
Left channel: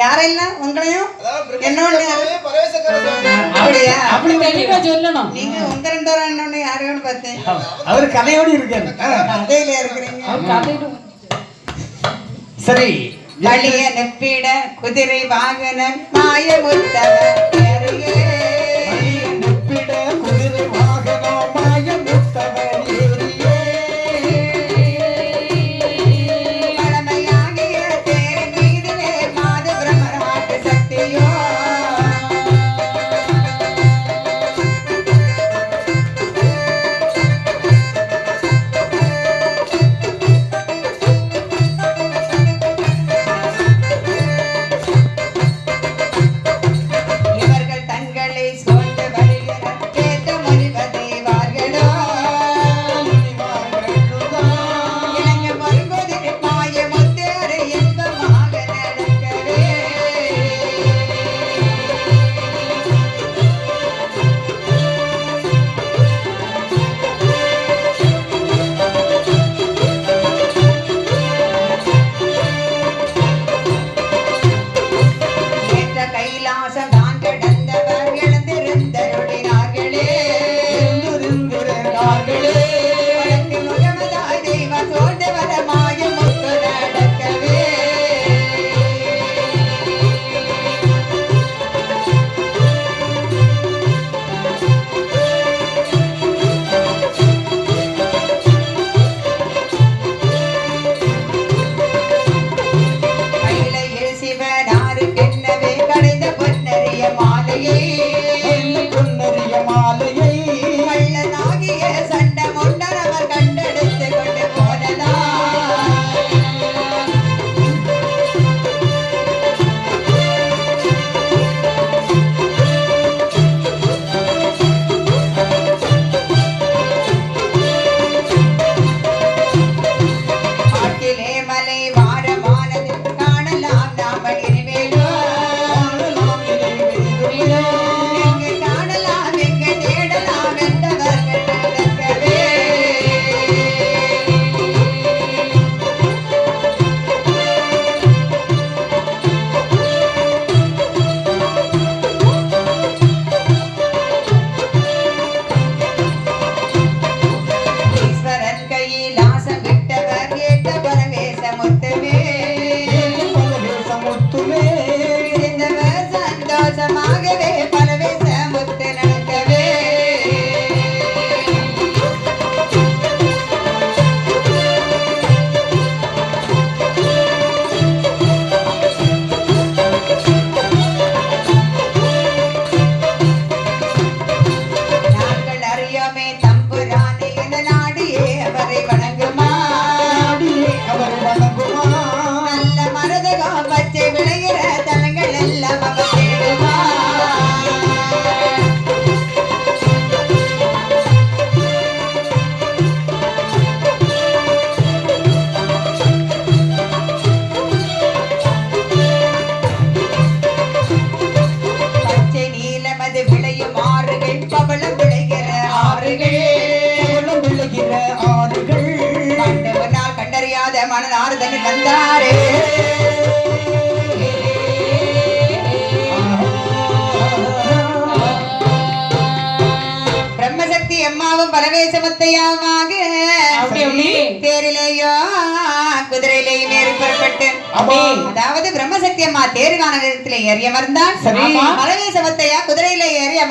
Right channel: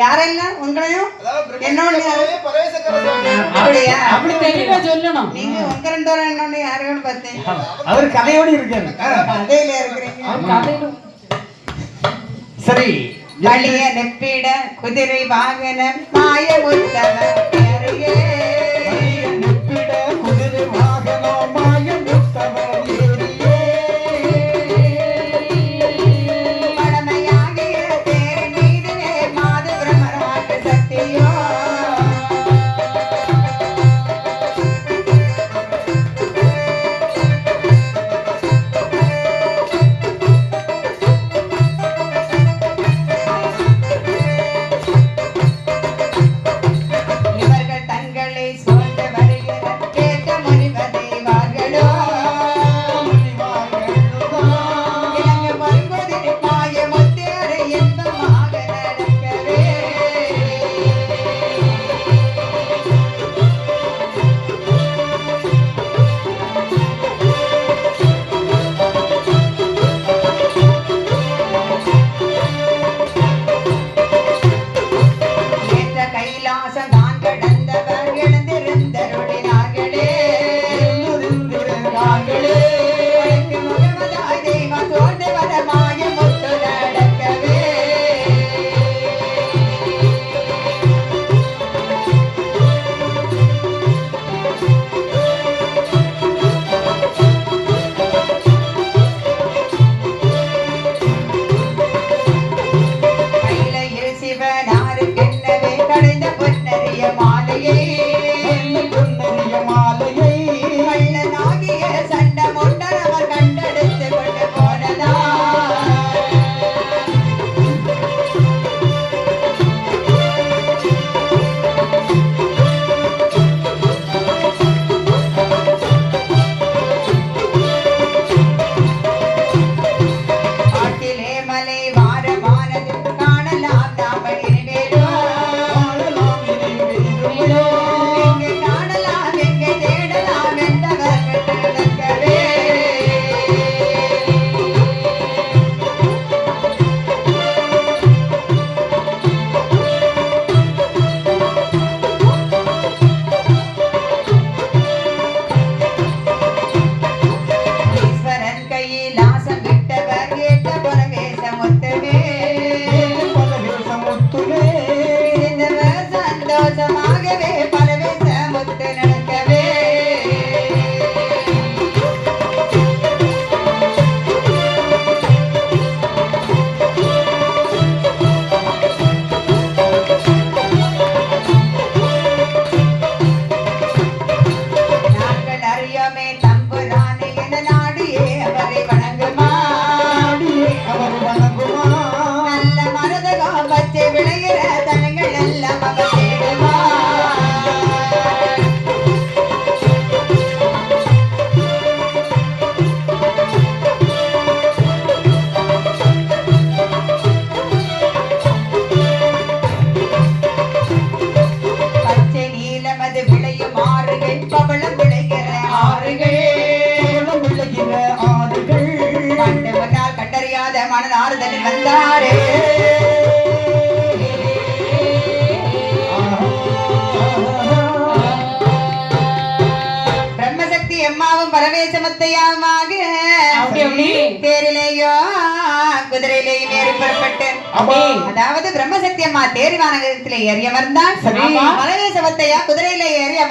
யாரெல்லாம் உங்களையும் அதாவது என்னோட பிரம்மசுவாமி, பரமேசக்கர சுவாமி. அப்படியா? அப்படி தெளிவா சொல்லணும். நீங்க உங்க 2 பேரும் என்னன்னு யாருன்னு பார்த்தேன். அவர் கதையோடு இருக்காரு. அதேல இருக்கிறீங்க. அவர் கதையில சரி. வழிய நெப்பிட குதிரை வாகன மாயமுத்தவர் ஏறியே. வழியை நெப்பிட குதிரை வாகனம் மாயமுத்தவர் ஏறியே. பழமையாகிய தேரின் மீதிலே மாது பிரம்மராட்டு சக்தியோ.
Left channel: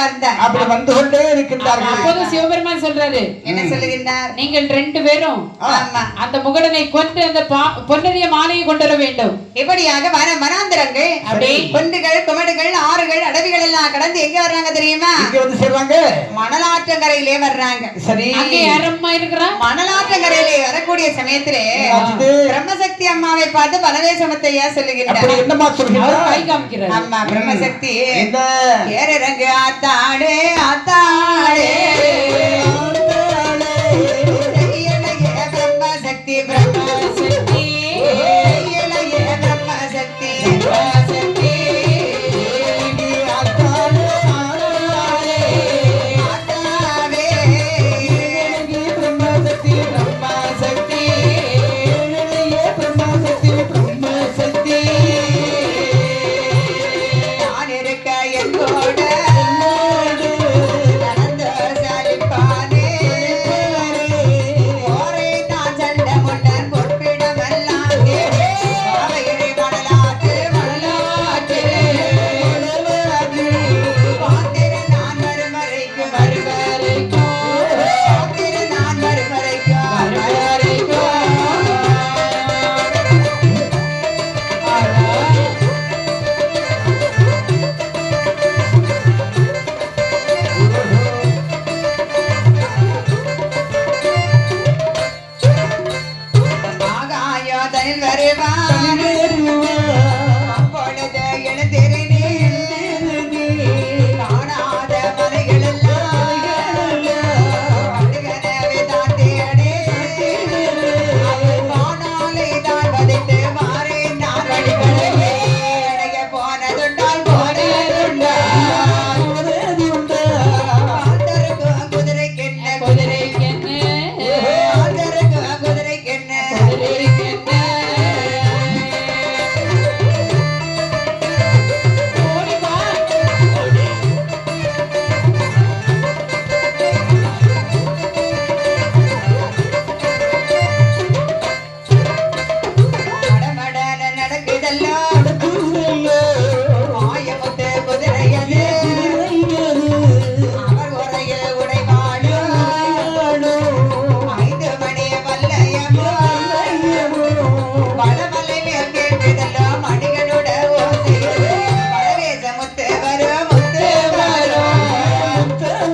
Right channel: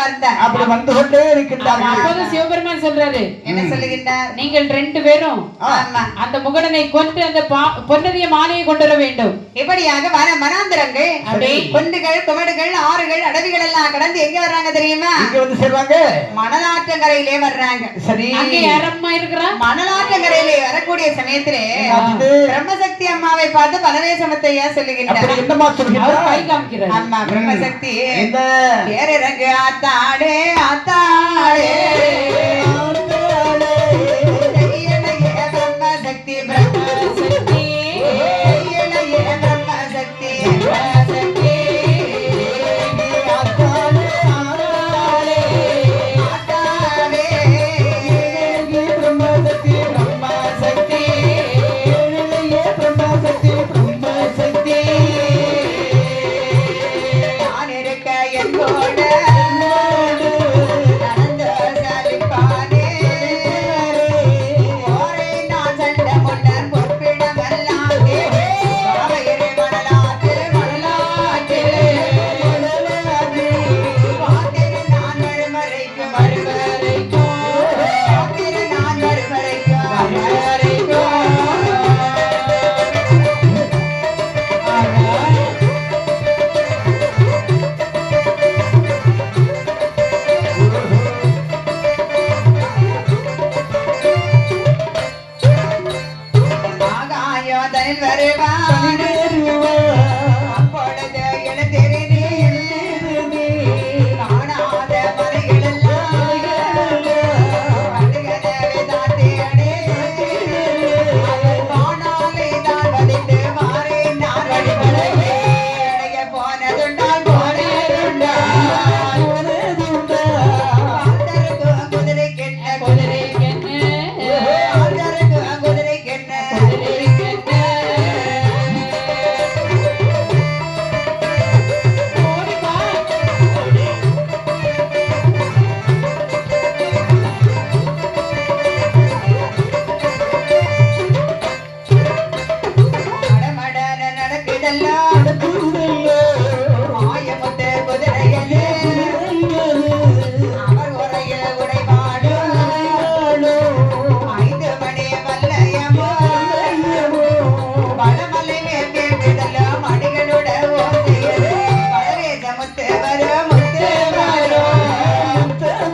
வந்தார். அப்படி வந்து கொண்டே இருக்கின்றார்கள். அப்போது சிவபெருமான் சொல்றாரு, என்ன சொல்லுகின்றார்? நீங்கள் 2 பேரும் ஆமா. அந்த முகடனை கொன்று அந்த பொன்னரிய மாலையை கொண்டு வர வேண்டும். இப்படியாக வனாந்தரங்கள், அப்படி குன்றுகள், குமடுகள், ஆறுகள், அடவிகள் எல்லாம் கடந்து எங்க வர்றாங்க தெரியுமா? இங்க வந்து சேர்றாங்க. மணலாற்றங்கரையிலே வர்றாங்க. சரி. அங்கே யாரம்மா இருக்கிறா? மணலாற்றங்கரையிலே வரக்கூடிய சமயத்திலே பிரம்மசக்தி அம்மாவை பார்த்து பலவேசமத்தையா சொல்லுகின்றார். அப்படி என்னமா அவர் சொல்கிறார்? கை காமிக்கிறார். அம்மா பிரம்மசக்தி என்ன? ஏறரங்கு ஆத்தாடே ஆத்தாடே இளைய பிரம்மசக்தி பிரம்மசக்தி இளைய பிரம்மசக்தி பிரம்மசக்தி ஆத்தாடே ஆத்தாடே பிரம்மசக்தி பிரம்மசக்தி இளைய பிரம்மசக்தி பிரம்மசக்தி நான் இருக்க என்னோட நடந்து சலிப்பானே ஓரை நான் சண்டை முட்டன் பொற்பிடமெல்லாம் அவையிலே மணலாற்று மணலாற்று பார்த்திரு நான் மறுமறைக்கும் மறுமறைக்கும் பார்த்திரு நான் மறுமறைக்கும் மறுமறைக்கும் ஆகாயோ தனில் வருவான் அப்பொழுது எழுந்திருநீ காணாத மலைகளெல்லாம் கண்டுகதவை தாண்டியடே வானாலை தான் வதைத்து மாறேன் நான் வழிகளையே இணைய போனதுண்டால் போனதுண்டால் குதிரை கெட்ட குதிரை குதிரை கெட்ட மடமடன நடக்குதெல்லாம் மாயமுத்து குதிரையது அவர் உரையில் உடைவாடு 5 மணி வல்லையமோ பலமலை மேல் கேட்குதெல்லாம் மணிகளோட ஓசையது பலவேசமுத்து வரும் முத்து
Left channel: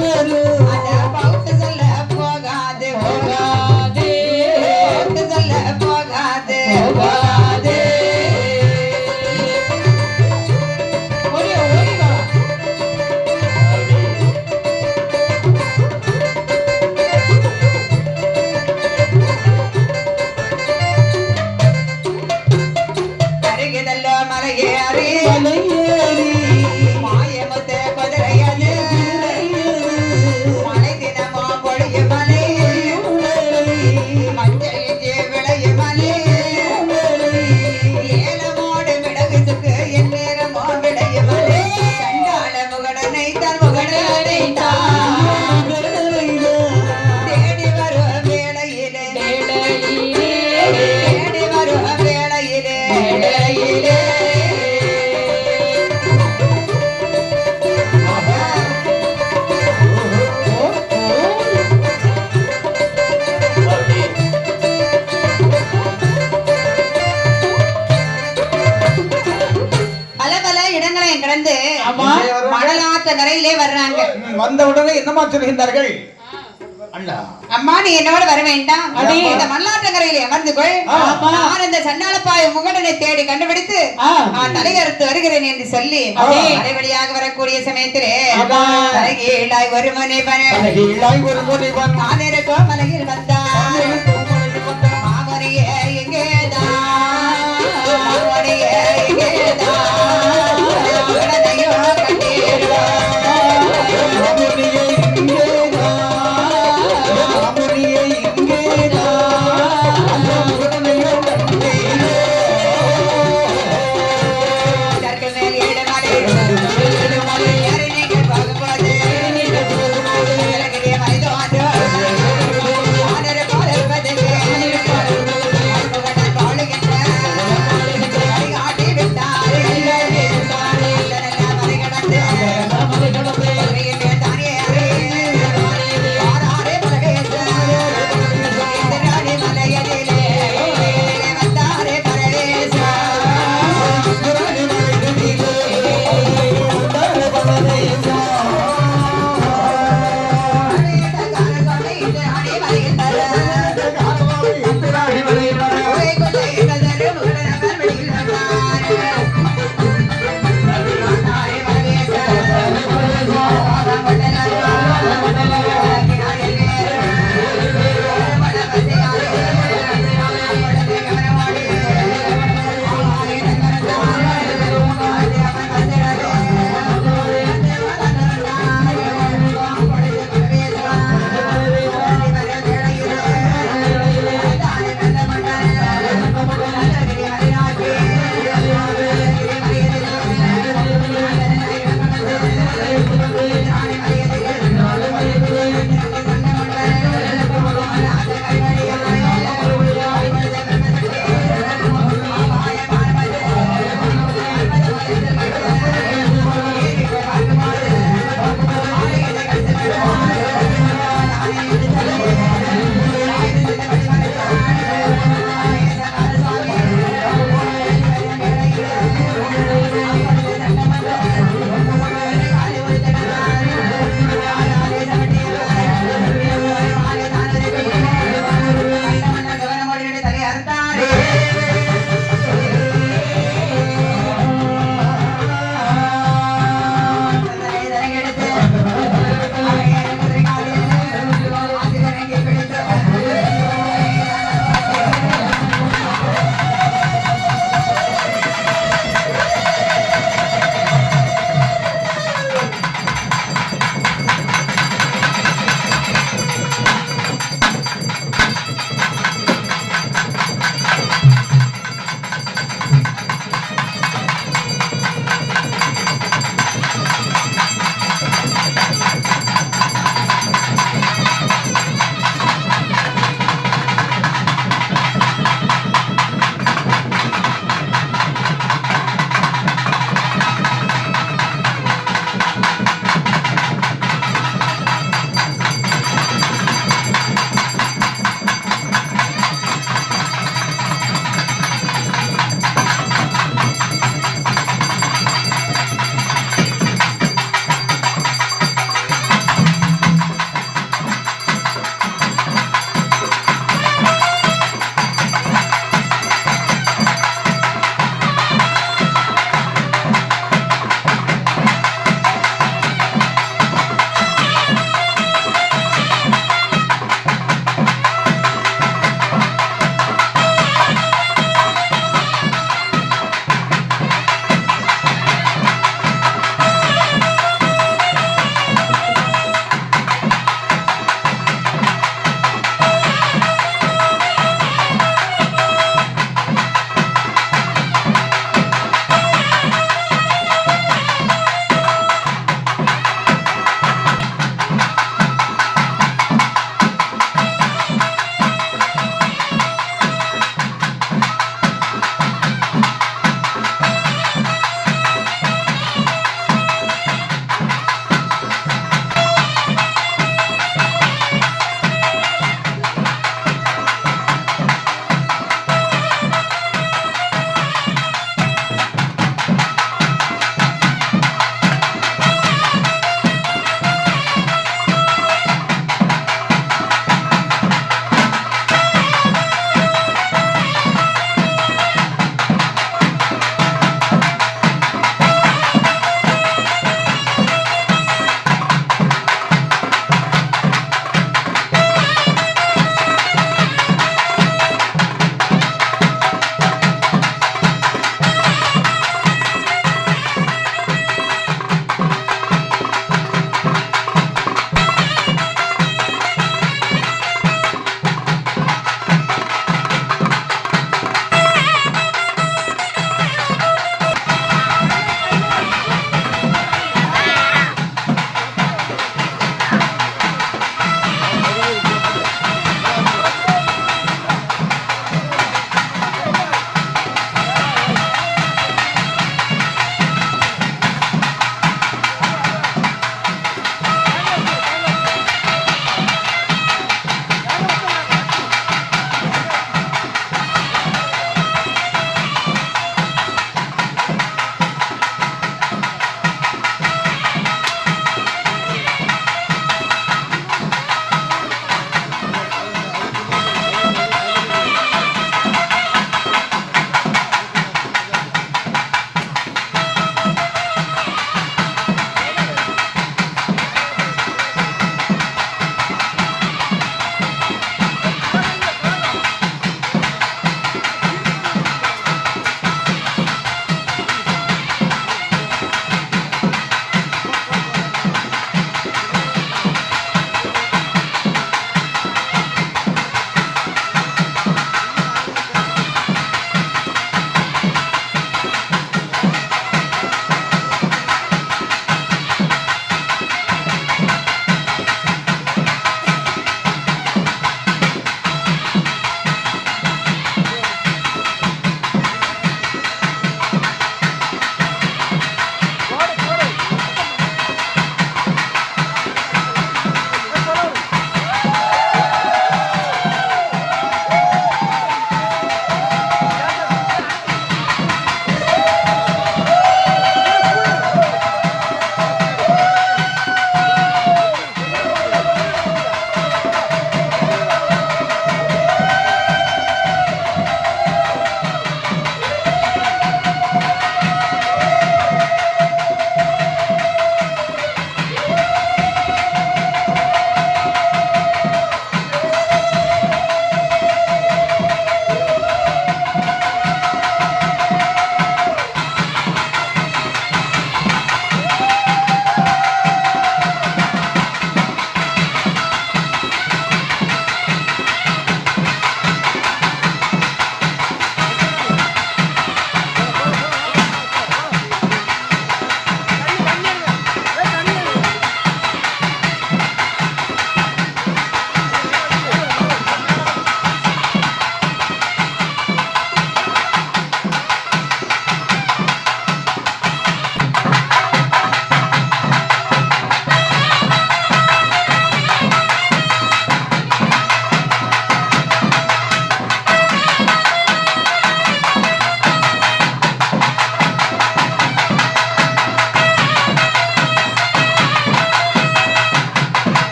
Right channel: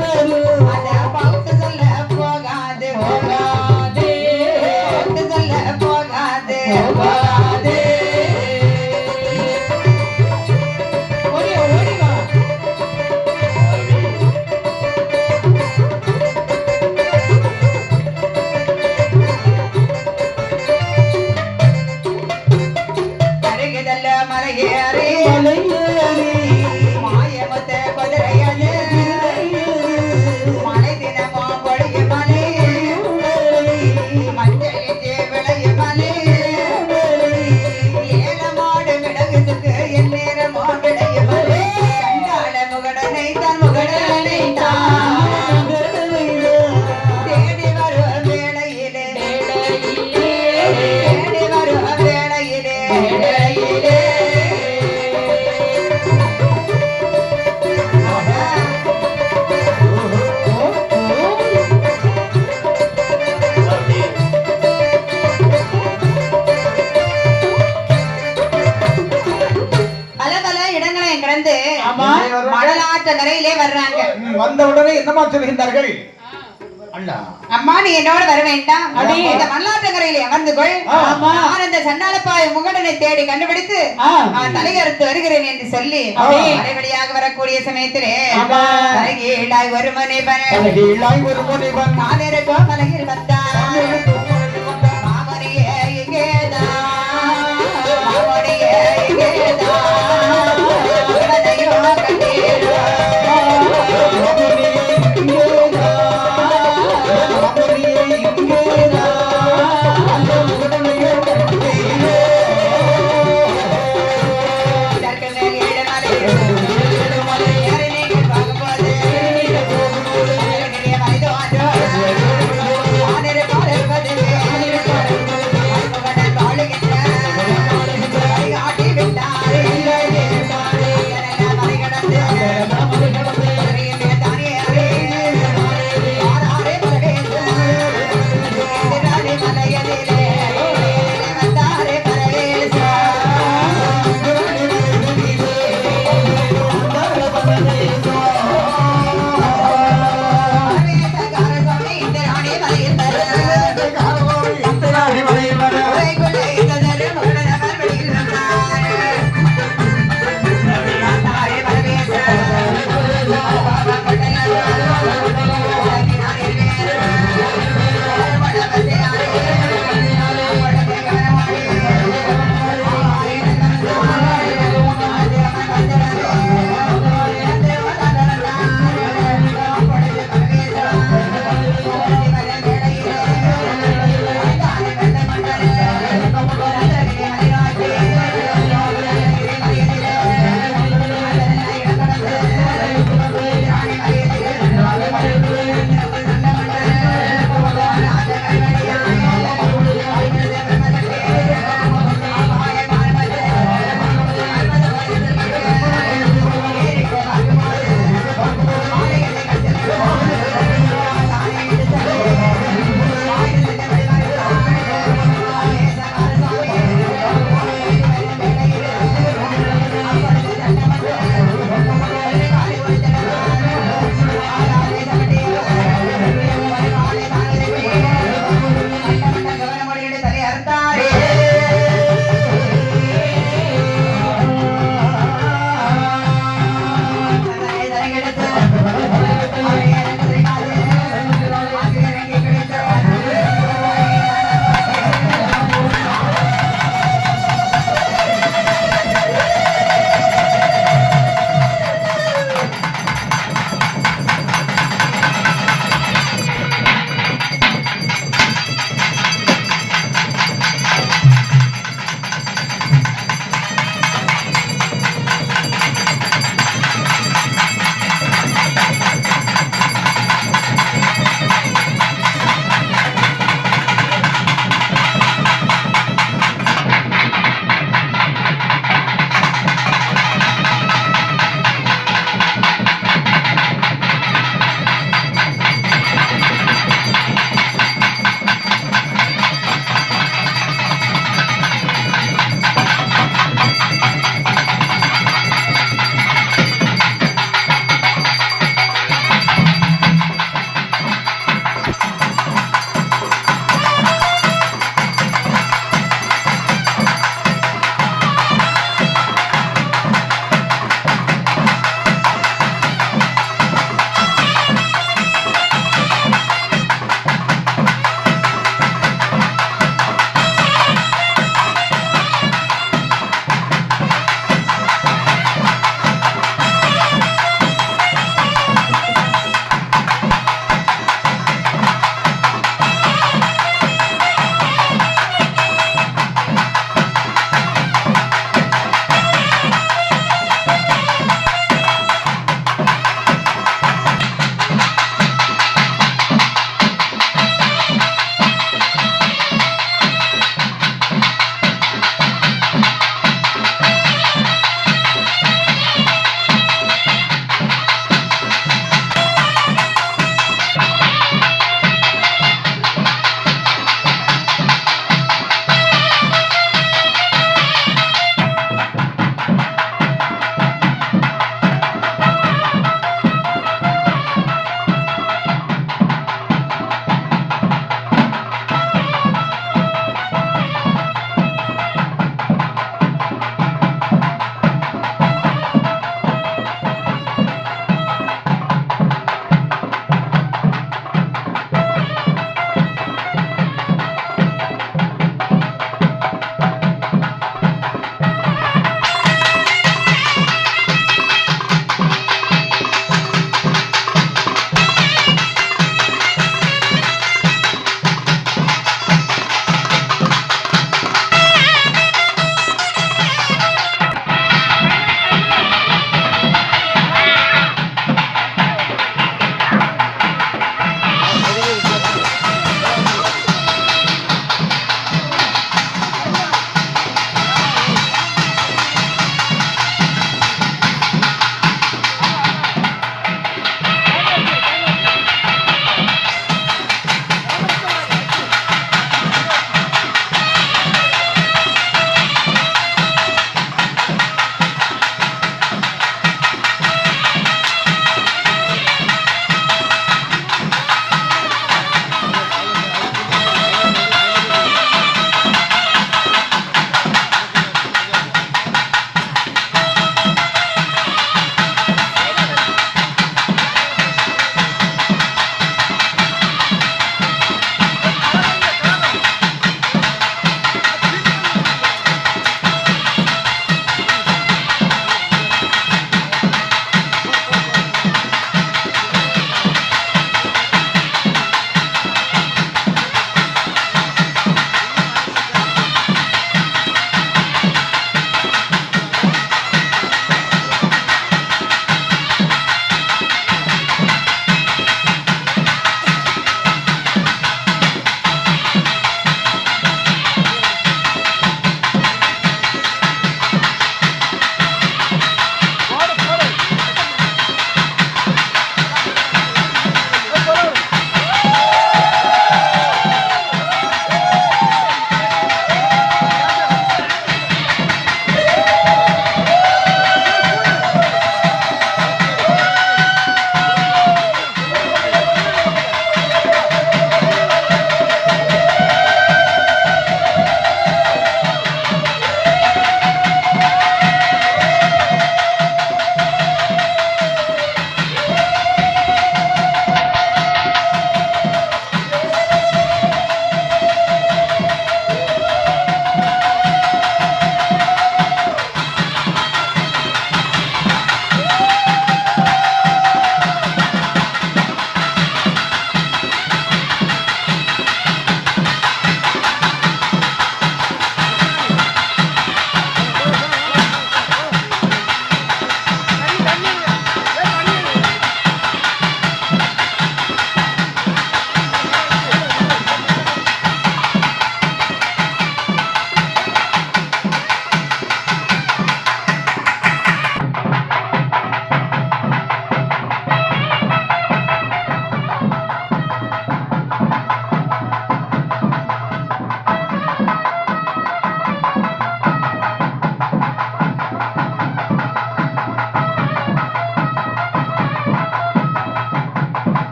வரும் அத பௌத்து சொல்ல போகாது போகாது பௌத்து சொல்ல போகாது போகாது ஓடி ஓடி வா அருகிதல்ல மலையேறி மாயமுத்த குதிரையது மலை தினமோ கொடிய மலை மஞ்சளிச்சு விளைய மலை ஏலமாடு மிளகுக்கு என் நேரமோ விளைய மலை கண்டாள முகடனை தான் முகடனை தான் தேடி வரும் வேளையிலே தேடி வரும் வேளையிலே வேளையிலே பல பல இடங்களை கடந்து ஆமா. மணலாற்ற கரையிலே வர்றாங்க. வந்த உடனே என்னமா சொல்கின்றார்கள்? அண்ணா அம்மா நீ என்னோட வர வேண்டாம். அடே. இந்த மணலாற்ற கரையிலே அமர்ந்து கொள். ஆமா. நான் இந்த சண்டாளப்பாய முகடனை தேடி கண்டுபிடித்து நான் தலையறுத்து வருகிறேன் என்று சொல்லி வழியாக வரக்கூடிய சமயத்திலே ஆமா. அழகீடாய் ஒரு மனைவன் அழகிலாய் ஒரு முனிவன் நானே